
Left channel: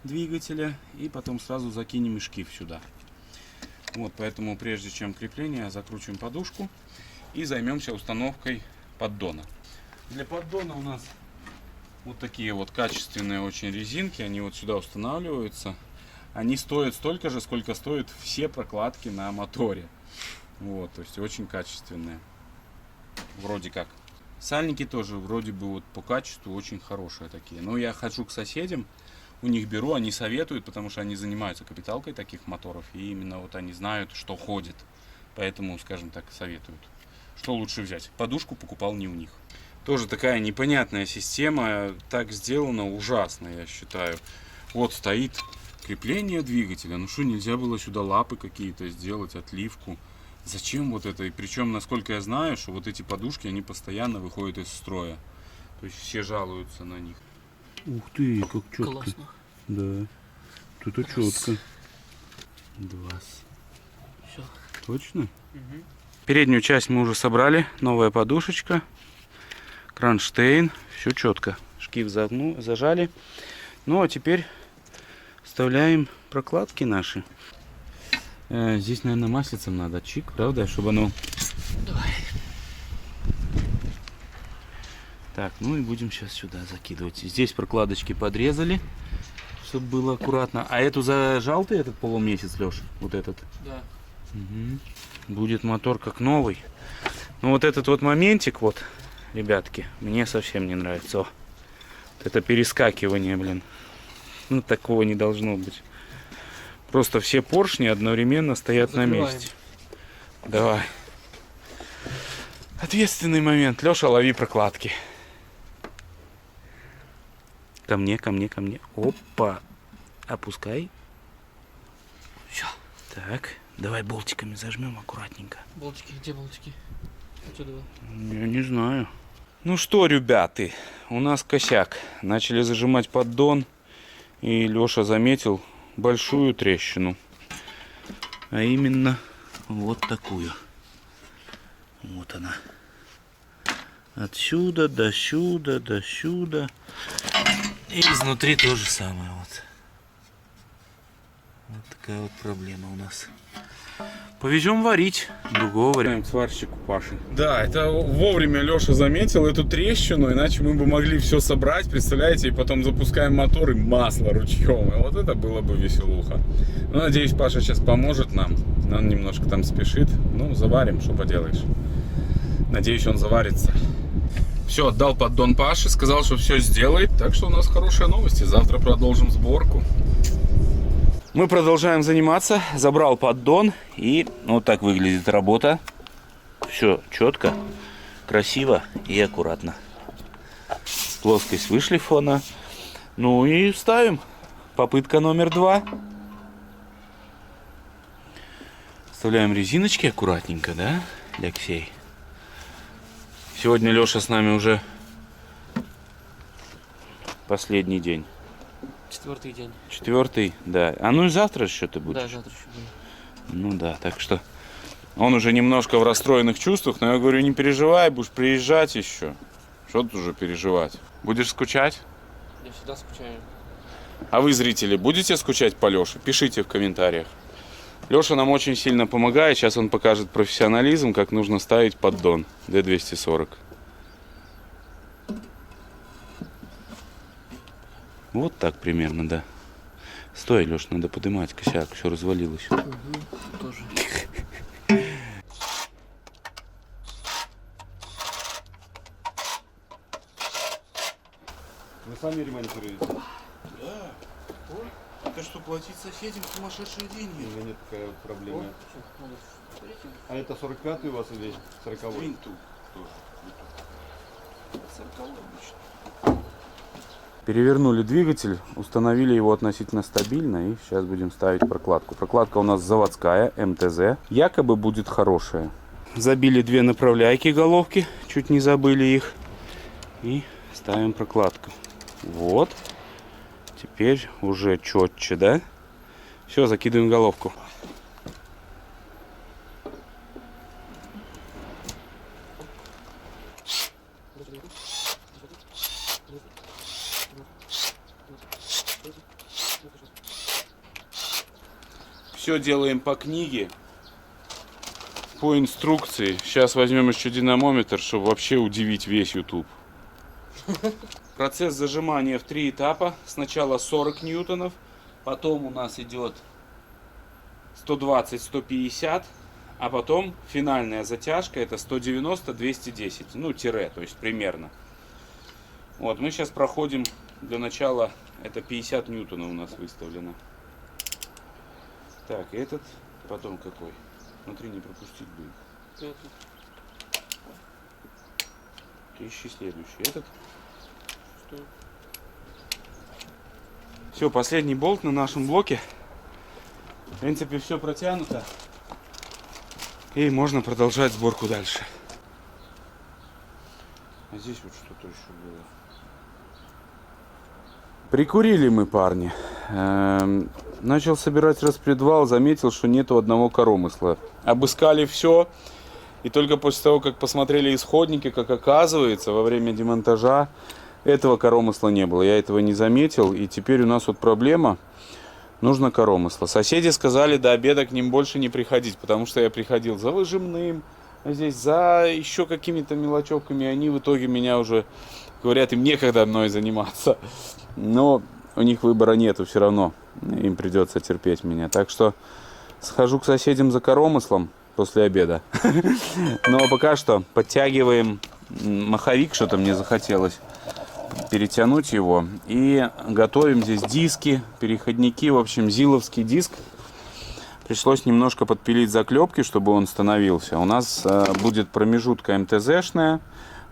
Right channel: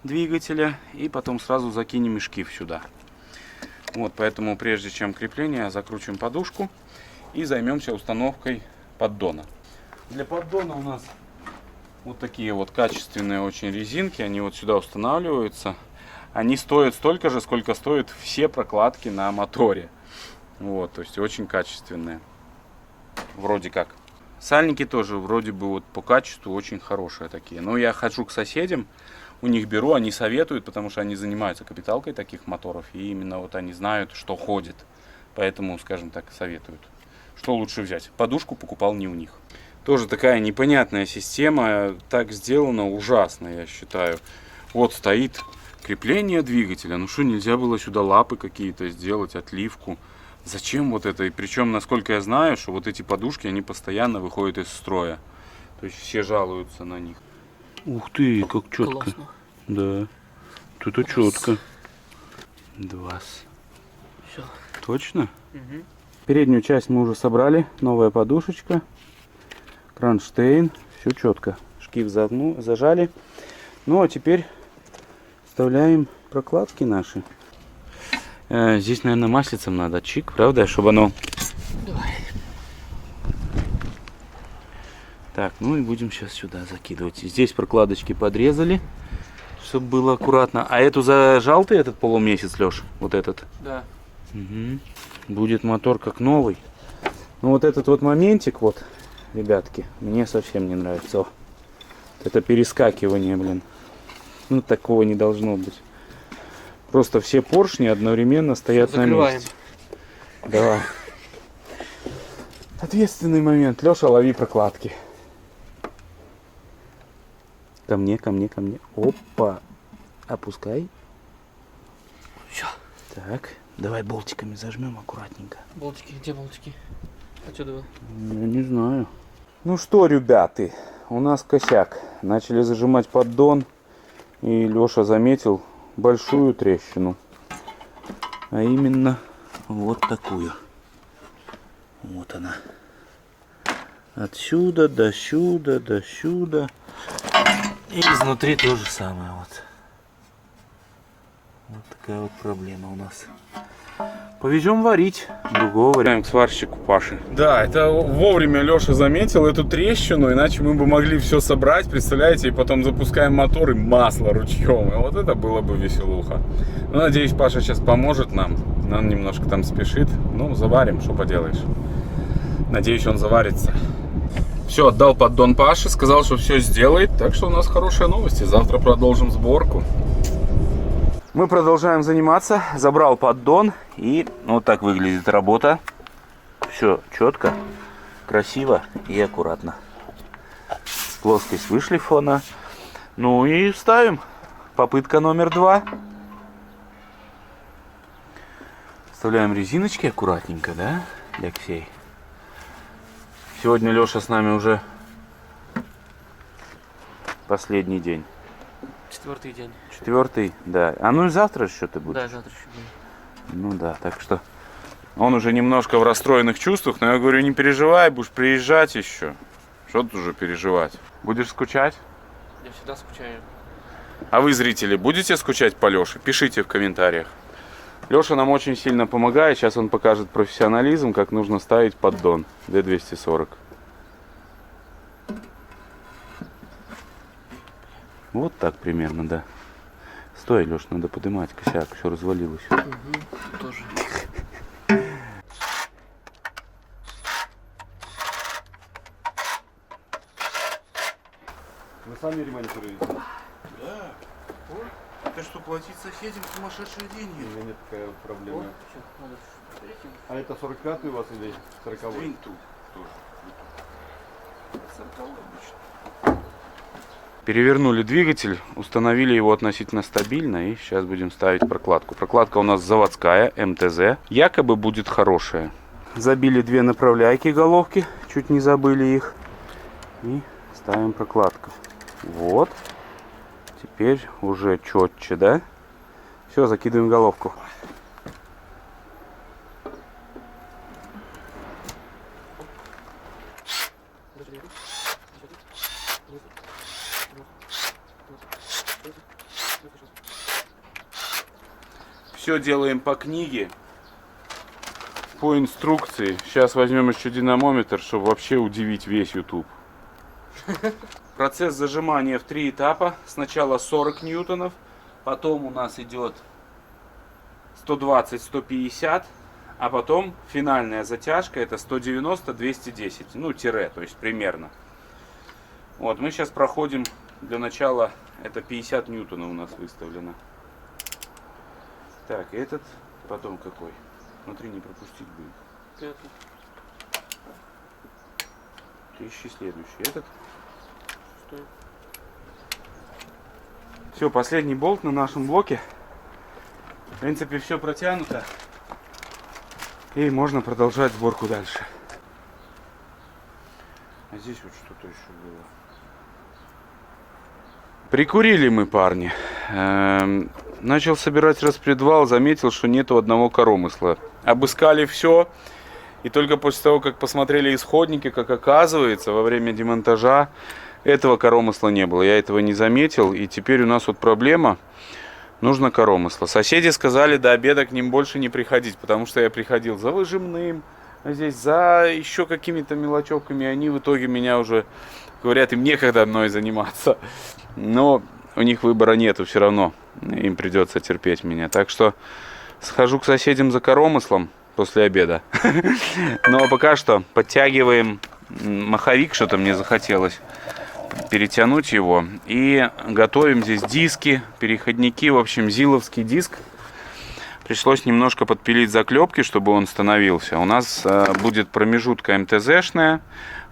двигателя и потом сразу закинем и шкив сюда. Вот, поэтому прежде чем крепление, закручиваем подушку и займемся установкой поддона. Для поддона у нас вот такие вот качественные очень резинки, они вот сюда устанавливаются. Они стоят столько же, сколько стоят все прокладки на моторе. Вот, то есть очень качественные. Вроде как. Сальники тоже вроде бы вот по качеству очень хорошие такие. Но я хожу к соседям, у них беру, они советуют, потому что они занимаются капиталкой таких моторов. И именно вот они знают, что ходит. Поэтому, скажем так, советуют. Что лучше взять? Подушку покупал не у них. Тоже такая непонятная система, так сделано ужасно, я считаю. Вот стоит крепление двигателя, ну что, нельзя было сюда лапы какие-то сделать, отливку? Зачем вот это? И причем, насколько я знаю, что вот эти подушки, они постоянно выходят из строя. То есть все жалуются на них. Ух ты, как четко. Классно. Да, тут четко. 2. Все. Точно? Угу. Переднюю часть мы уже собрали, новая подушечка. Кронштейн, все четко. Шкив зажали. Ну а теперь вставляем прокладки наши. Здесь, наверное, маслицем надо чик, правда, чтобы оно... Давай. Так, ну и будем сейчас сюда закидывать. Здесь прокладочки подрезали, чтобы было аккуратно. А эту зажал ты, этот полумесяц, Леш? Вот этот? Да. Угу. Будет мотор как новый. Ну вот этот вот моментик, вот, ребятки, мне совсем не нравится. О, это перескакивание, блин. Ну такого не должно быть. Просто все поршни одновременно стоят Закрываем. на месте. Давай. Ответственный момент. Леша, лови прокладки. Ко мне, ко мне, ко мне. Опа. Опускай. Все. Так. Давай болтиками зажмем аккуратненько. Болтики, где болтики? Отсюда. Я не знаю. Ну что, ребята, у нас косяк. Начали зажимать поддон. И Леша заметил большую трещину. А именно вот такую. Вот она. Отсюда до сюда, до сюда. И изнутри то же самое. Вот такая вот проблема у нас. Повезем варить. Другого варианта к сварщику Паши. Да, это вовремя Леша заметил эту трещину, иначе мы бы могли все собрать, представляете, и потом запускаем мотор и масло ручьем. И вот это было бы веселуха. Ну, надеюсь, Паша сейчас поможет нам. Он немножко там спешит. Ну, заварим, что поделаешь. Надеюсь, он заварится. Все, отдал поддон Паше, сказал, что все сделает. Так что у нас хорошие новости. Завтра продолжим сборку. Мы продолжаем заниматься. Забрал поддон. И вот так выглядит работа. Все четко, красиво и аккуратно. Плоскость вышлифована. Ну и ставим. Попытка номер 2. Вставляем резиночки аккуратненько, да, Алексей? Сегодня Леша с нами уже последний день. 4-й день. 4-й, да. А ну и завтра еще ты будешь? Да, завтра еще буду. Ну да, так что он уже немножко в расстроенных чувствах, но я говорю, не переживай, будешь приезжать еще. Что тут уже переживать? Будешь скучать? Я всегда скучаю. А вы, зрители, будете скучать по Леше? Пишите в комментариях. Леша нам очень сильно помогает. Сейчас он покажет профессионализм, как нужно ставить поддон D240. Вот так примерно, да. Стой, Леш, надо поднимать косяк, все развалилось. Тоже. Вы сами ремонтируете? Ты что, платить соседям сумасшедшие деньги? У меня нет такой вот проблемы. А это 45-й у вас или 40-й? Винту тоже. 40-й обычно. Перевернули двигатель, установили его относительно стабильно и сейчас будем ставить прокладку. Прокладка у нас заводская, МТЗ. Якобы будет хорошая. Забили 2 направляйки головки, чуть не забыли их. И ставим прокладку. Вот. Теперь уже четче, да? Все, закидываем головку. Все делаем по книге, по инструкции. Сейчас возьмем еще динамометр, чтобы вообще удивить весь YouTube. Процесс зажимания в 3 этапа. Сначала 40 ньютонов, потом у нас идет 120-150, а потом финальная затяжка это 190-210, ну тире, то есть примерно. Вот, мы сейчас проходим для начала, это 50 ньютонов у нас выставлено. Так, этот потом какой? Смотри, не пропустить бы их. 5-й. Ищи следующий. Этот. 6-й. Все, последний болт на нашем блоке. В принципе, все протянуто. И можно продолжать сборку дальше. А здесь вот что-то еще было. Прикурили мы, парни. Начал собирать распредвал, заметил, что нету одного коромысла. Обыскали все. И только после того, как посмотрели исходники, как оказывается, во время демонтажа этого коромысла не было. Я этого не заметил. И теперь у нас вот проблема. Нужно коромысло. Соседи сказали до обеда к ним больше не приходить, потому что я приходил за выжимным, здесь за еще какими-то мелочевками. И они в итоге меня уже говорят, им некогда мной заниматься. Но у них выбора нету все равно. Им придется терпеть меня. Так что схожу к соседям за коромыслом после обеда. Ну а пока что подтягиваем маховик, что-то мне захотелось перетянуть его. И готовим здесь диски, переходники. В общем, зиловский диск. Пришлось немножко подпилить заклепки, чтобы он становился. У нас будет промежутка МТЗшная,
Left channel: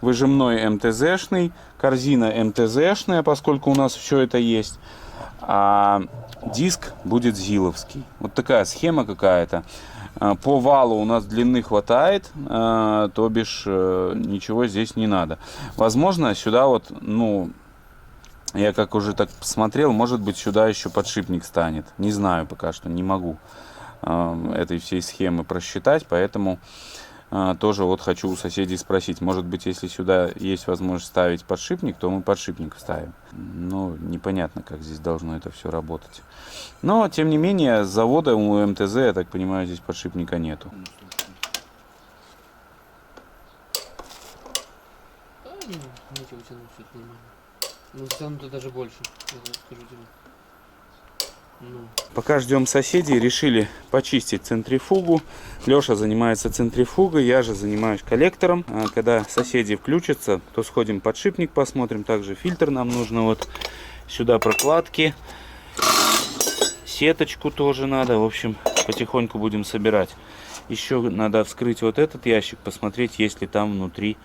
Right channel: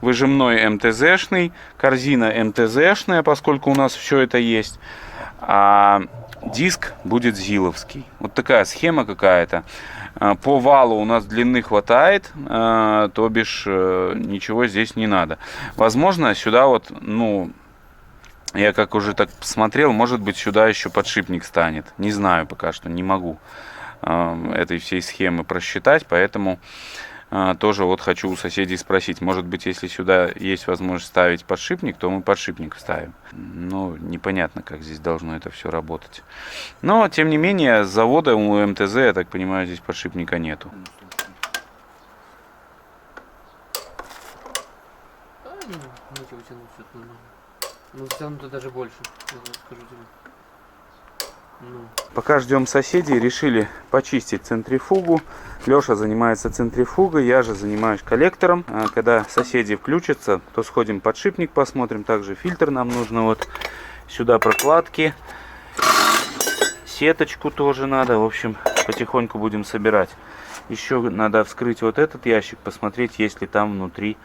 выжимной МТЗшный, корзина МТЗшная, поскольку у нас все это есть. А диск будет зиловский. Вот такая схема какая-то. По валу у нас длины хватает, то бишь ничего здесь не надо. Возможно, сюда вот, ну, Я как уже так посмотрел, может быть, сюда еще подшипник станет. Не знаю пока что, не могу этой всей схемы просчитать, поэтому тоже вот хочу у соседей спросить. Может быть, если сюда есть возможность ставить подшипник, то мы подшипник ставим. Но непонятно, как здесь должно это все работать. Но, тем не менее, с завода у МТЗ, я так понимаю, здесь подшипника нету. Нечего тянуть, все нормально. Ну, в целом-то даже больше, я скажу тебе. Ну. Пока ждем соседей, решили почистить центрифугу. Леша занимается центрифугой, я же занимаюсь коллектором. Когда соседи включатся, то сходим подшипник посмотрим. Также фильтр нам нужно. Вот сюда прокладки. Сеточку тоже надо. В общем, потихоньку будем собирать. Еще надо вскрыть вот этот ящик, посмотреть, есть ли там внутри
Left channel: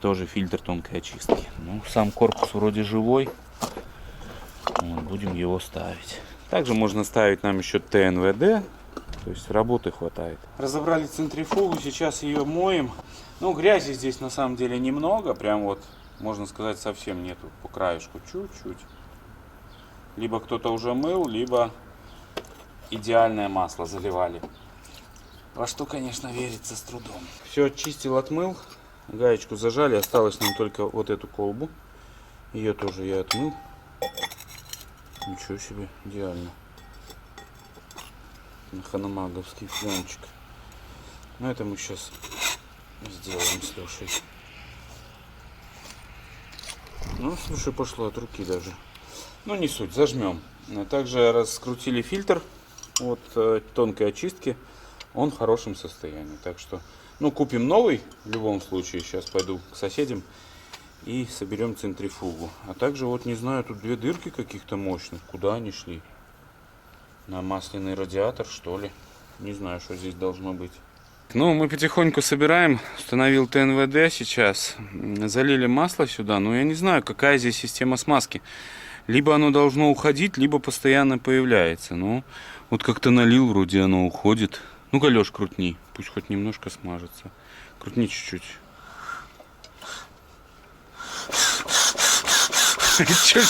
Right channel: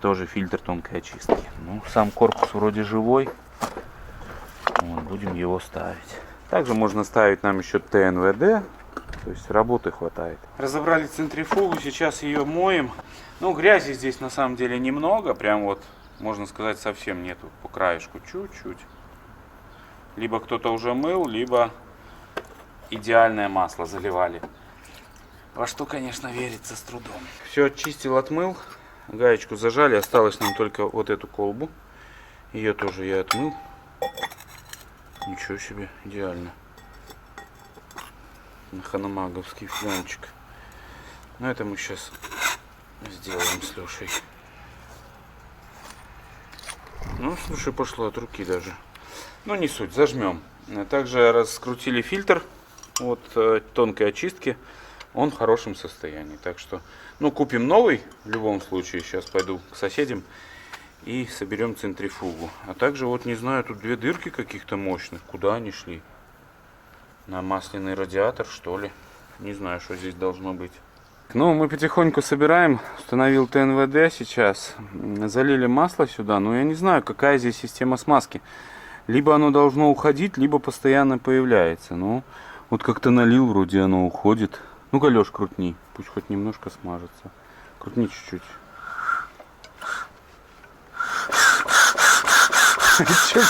тоже фильтр тонкой очистки. Ну, сам корпус вроде живой. Вот, будем его ставить. Также можно ставить нам еще ТНВД. То есть работы хватает. Разобрали центрифугу, сейчас ее моем. Ну, грязи здесь на самом деле немного. Прям вот, можно сказать, совсем нету. По краешку чуть-чуть. Либо кто-то уже мыл, либо идеальное масло заливали. Во что, конечно, верится с трудом. Все очистил, отмыл. Гаечку зажали. Осталось нам только вот эту колбу. Ее тоже я отмыл. Ничего себе, идеально. Ханамаговский флянчик. Но это мы сейчас сделаем с Лешей. Ну, слушай, пошло от руки даже. Ну, не суть, зажмем. Также раскрутили фильтр от тонкой очистки. Он в хорошем состоянии. Так что, ну, купим новый в любом случае. Сейчас пойду к соседям и соберем центрифугу. А также, вот не знаю, тут две дырки каких-то мощных. Куда они шли? На масляный радиатор, что ли? Не знаю, что здесь должно быть. Ну, мы потихоньку собираем. Установил ТНВД сейчас. Залили масло сюда. Но я не знаю, какая здесь система смазки. Либо оно должно уходить, либо постоянно появляется. Ну, вот как-то налил, вроде оно уходит. Ну-ка, Лёш, крутни. Пусть хоть немножко смажется. Крутни чуть-чуть.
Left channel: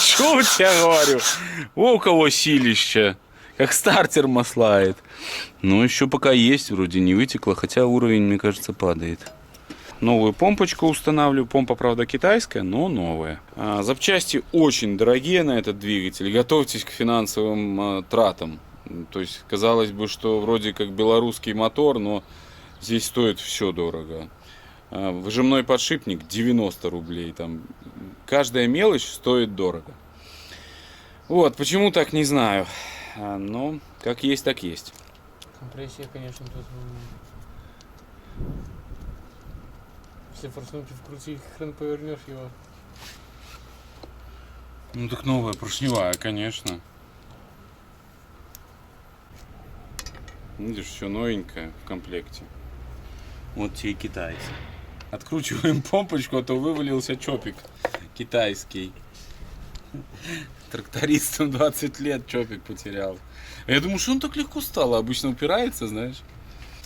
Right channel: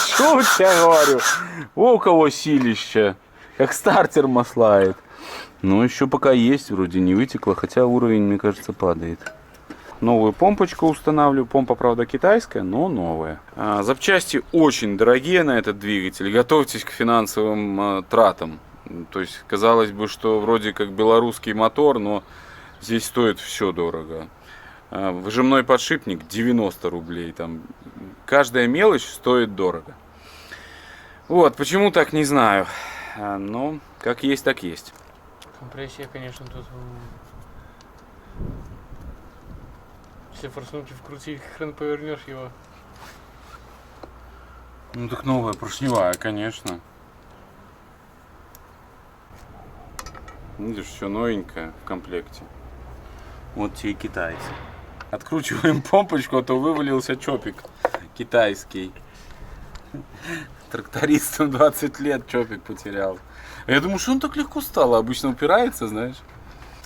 Чё у тебя говорю? О, у кого силища. Как стартер маслает. Но еще пока есть, вроде не вытекло. Хотя уровень, мне кажется, падает. Новую помпочку устанавливаю. Помпа, правда, китайская, но новая. Запчасти очень дорогие на этот двигатель. Готовьтесь к финансовым тратам. То есть, казалось бы, что вроде как белорусский мотор, но здесь стоит все дорого. Выжимной подшипник 90 рублей. Там каждая мелочь стоит дорого. Вот, почему так, не знаю. Но как есть, так есть. Компрессия, конечно, тут... Если форсунки вкрутить, хрен повернешь его. Ну так новая, поршневая, конечно. Видишь, все новенькое в комплекте. Вот те и китайцы. Откручиваем помпочку, а то вывалился чопик китайский. Трактористом 20 лет чопик потерял. Я думаю, что он так легко стал. Обычно упирается, знаешь.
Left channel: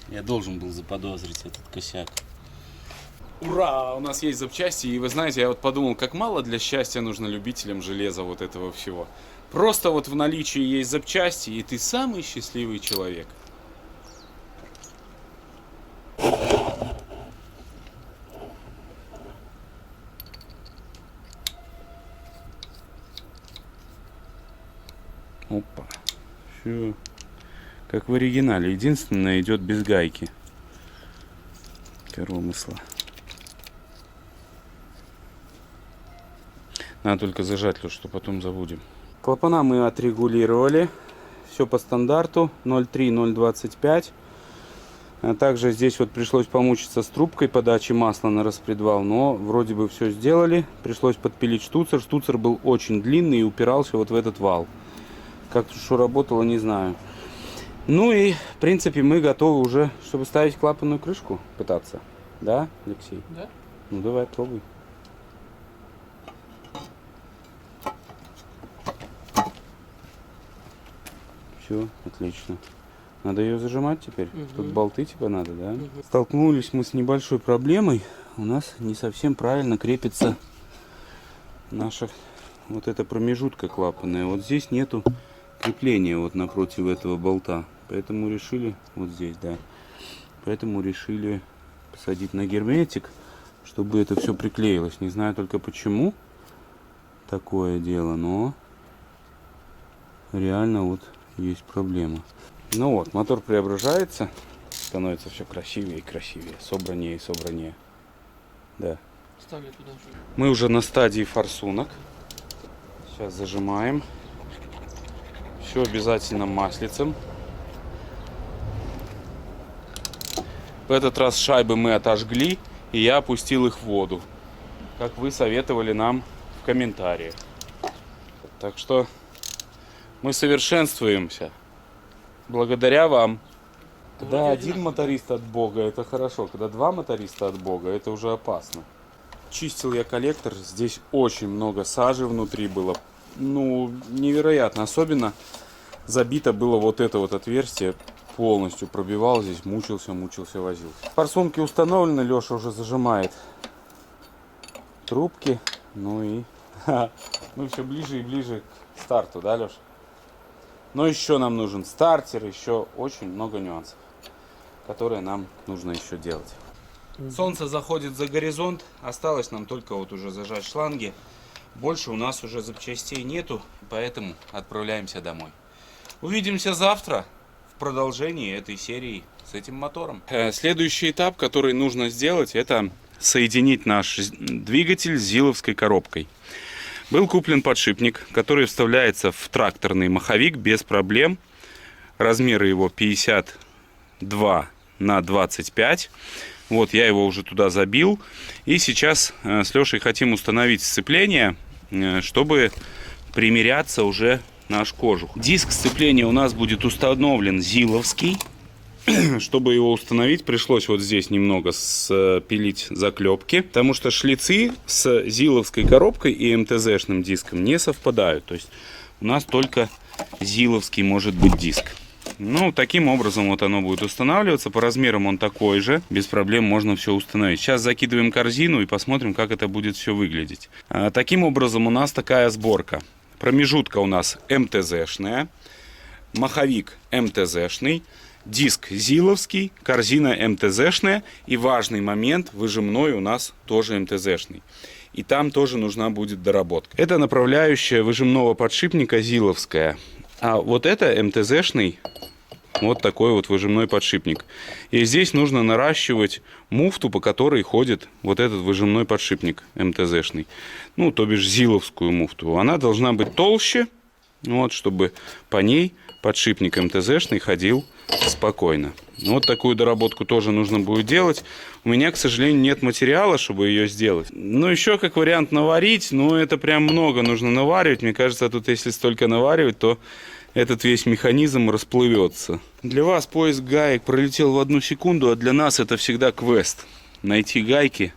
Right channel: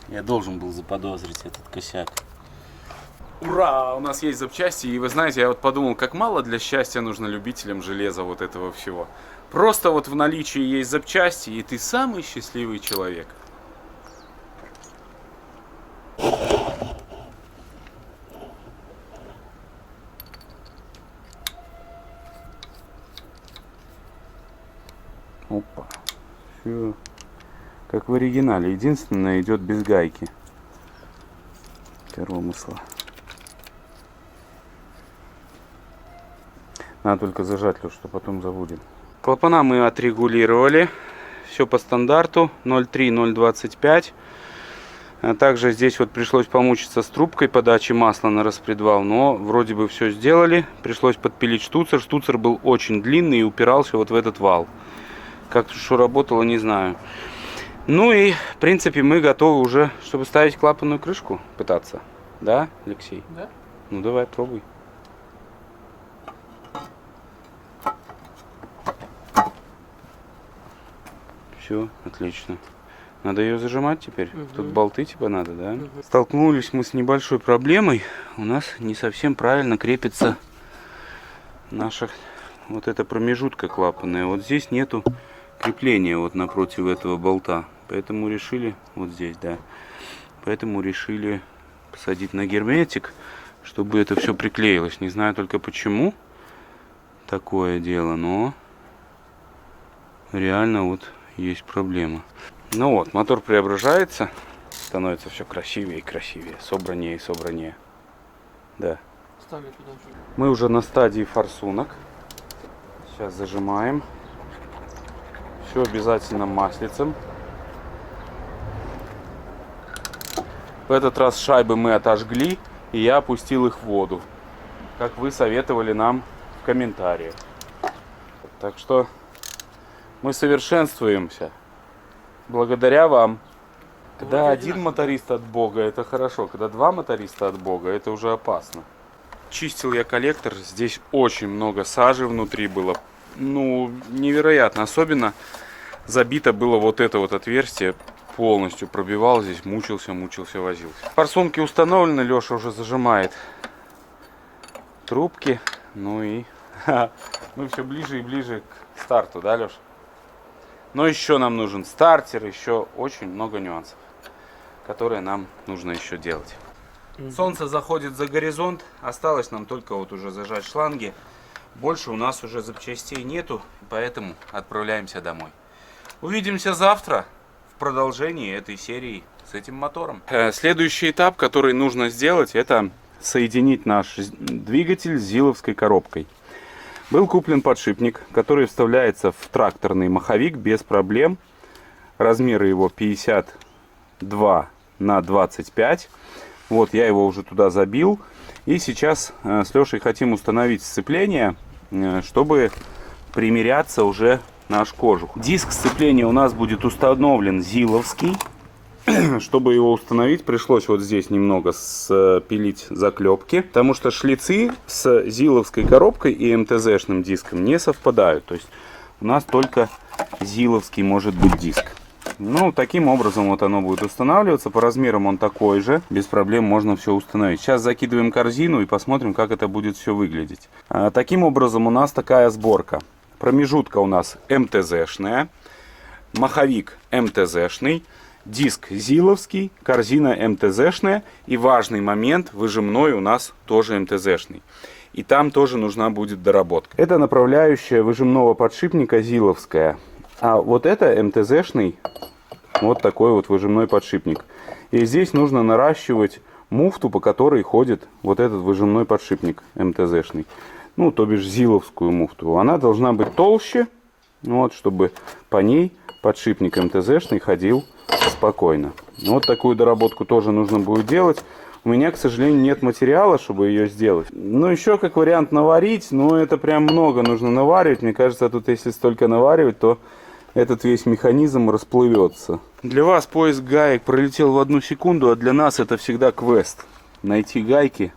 Я должен был заподозрить этот косяк. Ура! У нас есть запчасти. И вы знаете, я вот подумал, как мало для счастья нужно любителям железа вот этого всего. Просто вот в наличии есть запчасти, и ты самый счастливый человек. Опа. Все как в оригинале. Единственное, идет без гайки. Коромысла. Надо только зажать, что потом забудем. Клапана мы отрегулировали. Все по стандарту. 0,3, 0,25. А также здесь вот пришлось помучиться с трубкой подачи масла на распредвал. Но вроде бы все сделали. Пришлось подпилить штуцер. Штуцер был очень длинный и упирался вот в этот вал. Как что работало, не знаю. Ну и, в принципе, мы готовы уже, чтобы ставить клапанную крышку, пытаться. Да, Алексей? Да. Ну давай, пробуй. Все, отлично. Надо ее зажимать теперь. Тут болты типа надо, да? Столкнулись мы с небольшой проблемой. У нас не совсем правильно крепится наша вот эта промежутка клапанная. Вот здесь нету крепления вот напротив этого болта. Поэтому решили, вот здесь, да. Поэтому решили посадить на герметик, чтобы это все приклеилось. Не знаю только почему такое дело, но реально вот есть проблема. Ну вот, мотор преображается, становится все красивее и красивее, собраннее и собраннее. Да. Ставлю туда же. Мы уже на стадии форсунок. Сейчас зажимаем. Все обязательно маслицем. В этот раз шайбы мы отожгли, и я опустил их в воду, как вы советовали нам в комментариях. Так что мы совершенствуемся благодаря вам. Когда один моторист от Бога, это хорошо. Когда два моториста от Бога, это уже опасно. Чистил я коллектор. Здесь очень много сажи внутри было. Ну, невероятно. Особенно забито было вот это вот отверстие. Полностью пробивал здесь. Мучился, возился. Форсунки установлены. Леша уже зажимает трубки. Ну и мы все ближе и ближе к старту, да, Леша? Но еще нам нужен стартер. Еще очень много нюансов, которые нам нужно еще делать. Солнце заходит за горизонт. Осталось нам только вот уже зажать шланги. Больше у нас уже запчастей нету, поэтому отправляемся домой. Увидимся завтра в продолжении этой серии с этим мотором. Следующий этап, который нужно сделать, это соединить наш двигатель с зиловской коробкой. Был куплен подшипник, который вставляется в тракторный маховик без проблем. Размеры его 52 на 25. Вот я его уже туда забил. И сейчас с Лешей хотим установить сцепление, чтобы примеряться уже наш кожух. Диск сцепления у нас будет установлен зиловский. Чтобы его установить, пришлось вот здесь немного спилить заклепки, потому что шлицы с зиловской коробкой и МТЗ-шным диском не совпадают. То есть у нас только зиловский может быть диск. Ну, таким образом вот оно будет устанавливаться. По размерам он такой же. Без проблем можно все установить. Сейчас закидываем корзину и посмотрим, как это будет все выглядеть. Таким образом у нас такая сборка. Промежутка у нас МТЗ-шная. Маховик МТЗ-шный. Диск зиловский. Корзина МТЗ-шная. И важный момент, выжимной у нас тоже МТЗ-шный. И там тоже нужна будет доработка. Это направляющая выжимного подшипника зиловская. А вот это МТЗ-шный, вот такой вот выжимной подшипник. И здесь нужно наращивать муфту, по которой ходит вот этот выжимной подшипник МТЗ-шный. Ну, то бишь зиловскую муфту. Она должна быть толще, вот, чтобы по ней подшипник МТЗ-шный ходил спокойно. Вот такую доработку тоже нужно будет делать. У меня, к сожалению, нет материала, чтобы ее сделать. Ну, еще как вариант наварить, но это прям много нужно наваривать. Мне кажется, тут если столько наваривать, то этот весь механизм расплывется. Для вас поиск гаек пролетел в 1 секунду, а для нас это всегда квест. Найти гайки,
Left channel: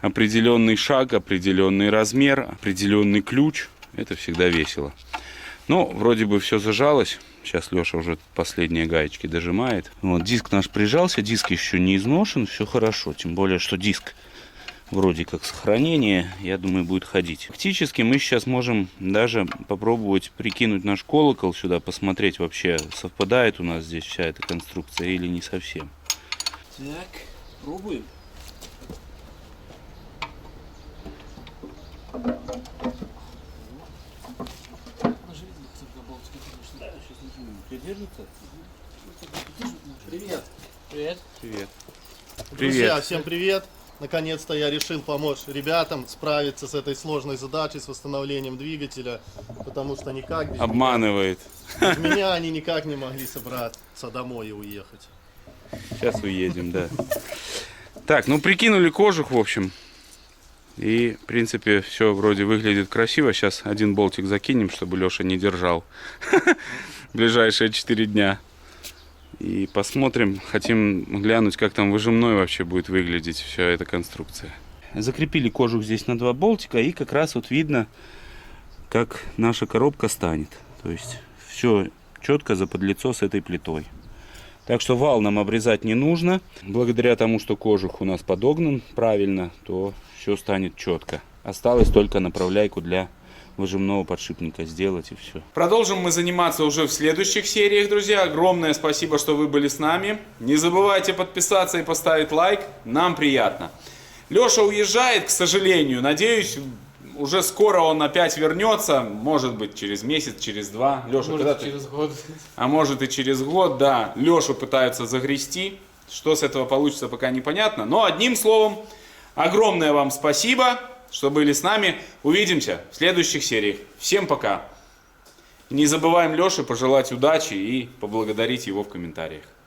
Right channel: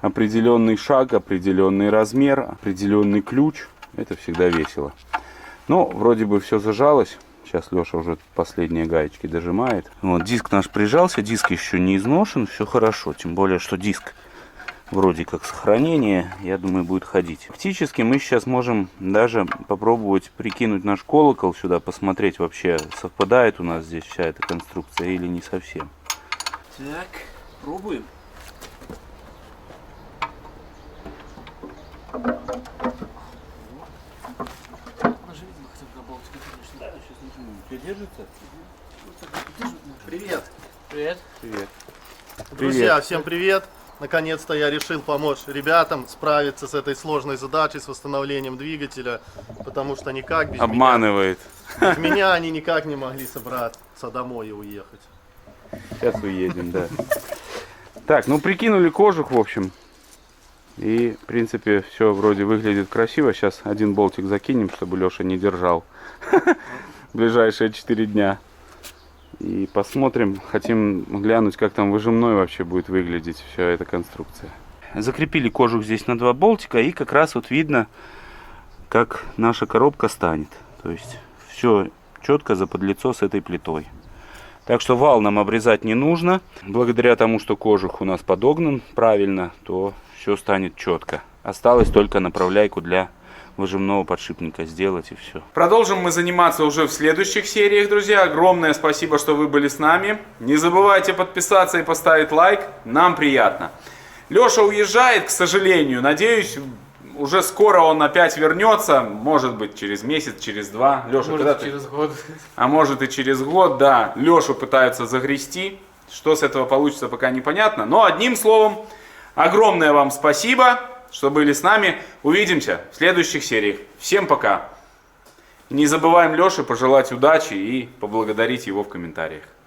определенный шаг, определенный размер, определенный ключ. Это всегда весело. Но вроде бы все зажалось. Сейчас Леша уже последние гаечки дожимает. Вот, диск наш прижался, диск еще не изношен, все хорошо. Тем более, что диск вроде как сохранение, я думаю, будет ходить. Фактически мы сейчас можем даже попробовать прикинуть наш колокол сюда, посмотреть вообще, совпадает у нас здесь вся эта конструкция или не совсем. Так, пробуем. Держится? Привет. Привет. Привет. Друзья, Привет. всем привет. Наконец-то я решил помочь ребятам справиться с этой сложной задачей, с восстановлением двигателя, потому что никак без Обманывает. без меня они никак не могли собраться домой и уехать. Сейчас уедем, да. Так, ну прикинули кожух, в общем. И, в принципе, все вроде выглядит красиво. Сейчас один болтик закинем, чтобы Леша не держал в ближайшие 4 дня. И посмотрим, хотим глянуть, как там выжимной вообще будет выглядеть вся эта конструкция. Закрепили кожух здесь на 2 болтика, и как раз вот видно, как наша коробка станет. То есть все четко заподлицо с этой плитой. Так что вал нам обрезать не нужно. Благодаря тому, что кожух у нас подогнан правильно, то все станет четко. Осталось только направляйку для выжимного подшипника сделать и все. Продолжим мы заниматься уже в следующих сериях, друзья. Огромное спасибо, что вы были с нами. Не забывайте подписаться и поставить лайк. Нам приятно. Леша уезжает, к сожалению. Надеюсь, уже скоро он опять вернется. Может быть, через месяц, через два. Леша, Может, когда ты? через год. А может и через год, да. Лешу пытаются загрести. Что с этого получится, пока непонятно. Но одним словом, огромное вам спасибо, что были с нами. Увидимся в следующих сериях. Всем пока. Не забываем Леше пожелать удачи и поблагодарить его в комментариях.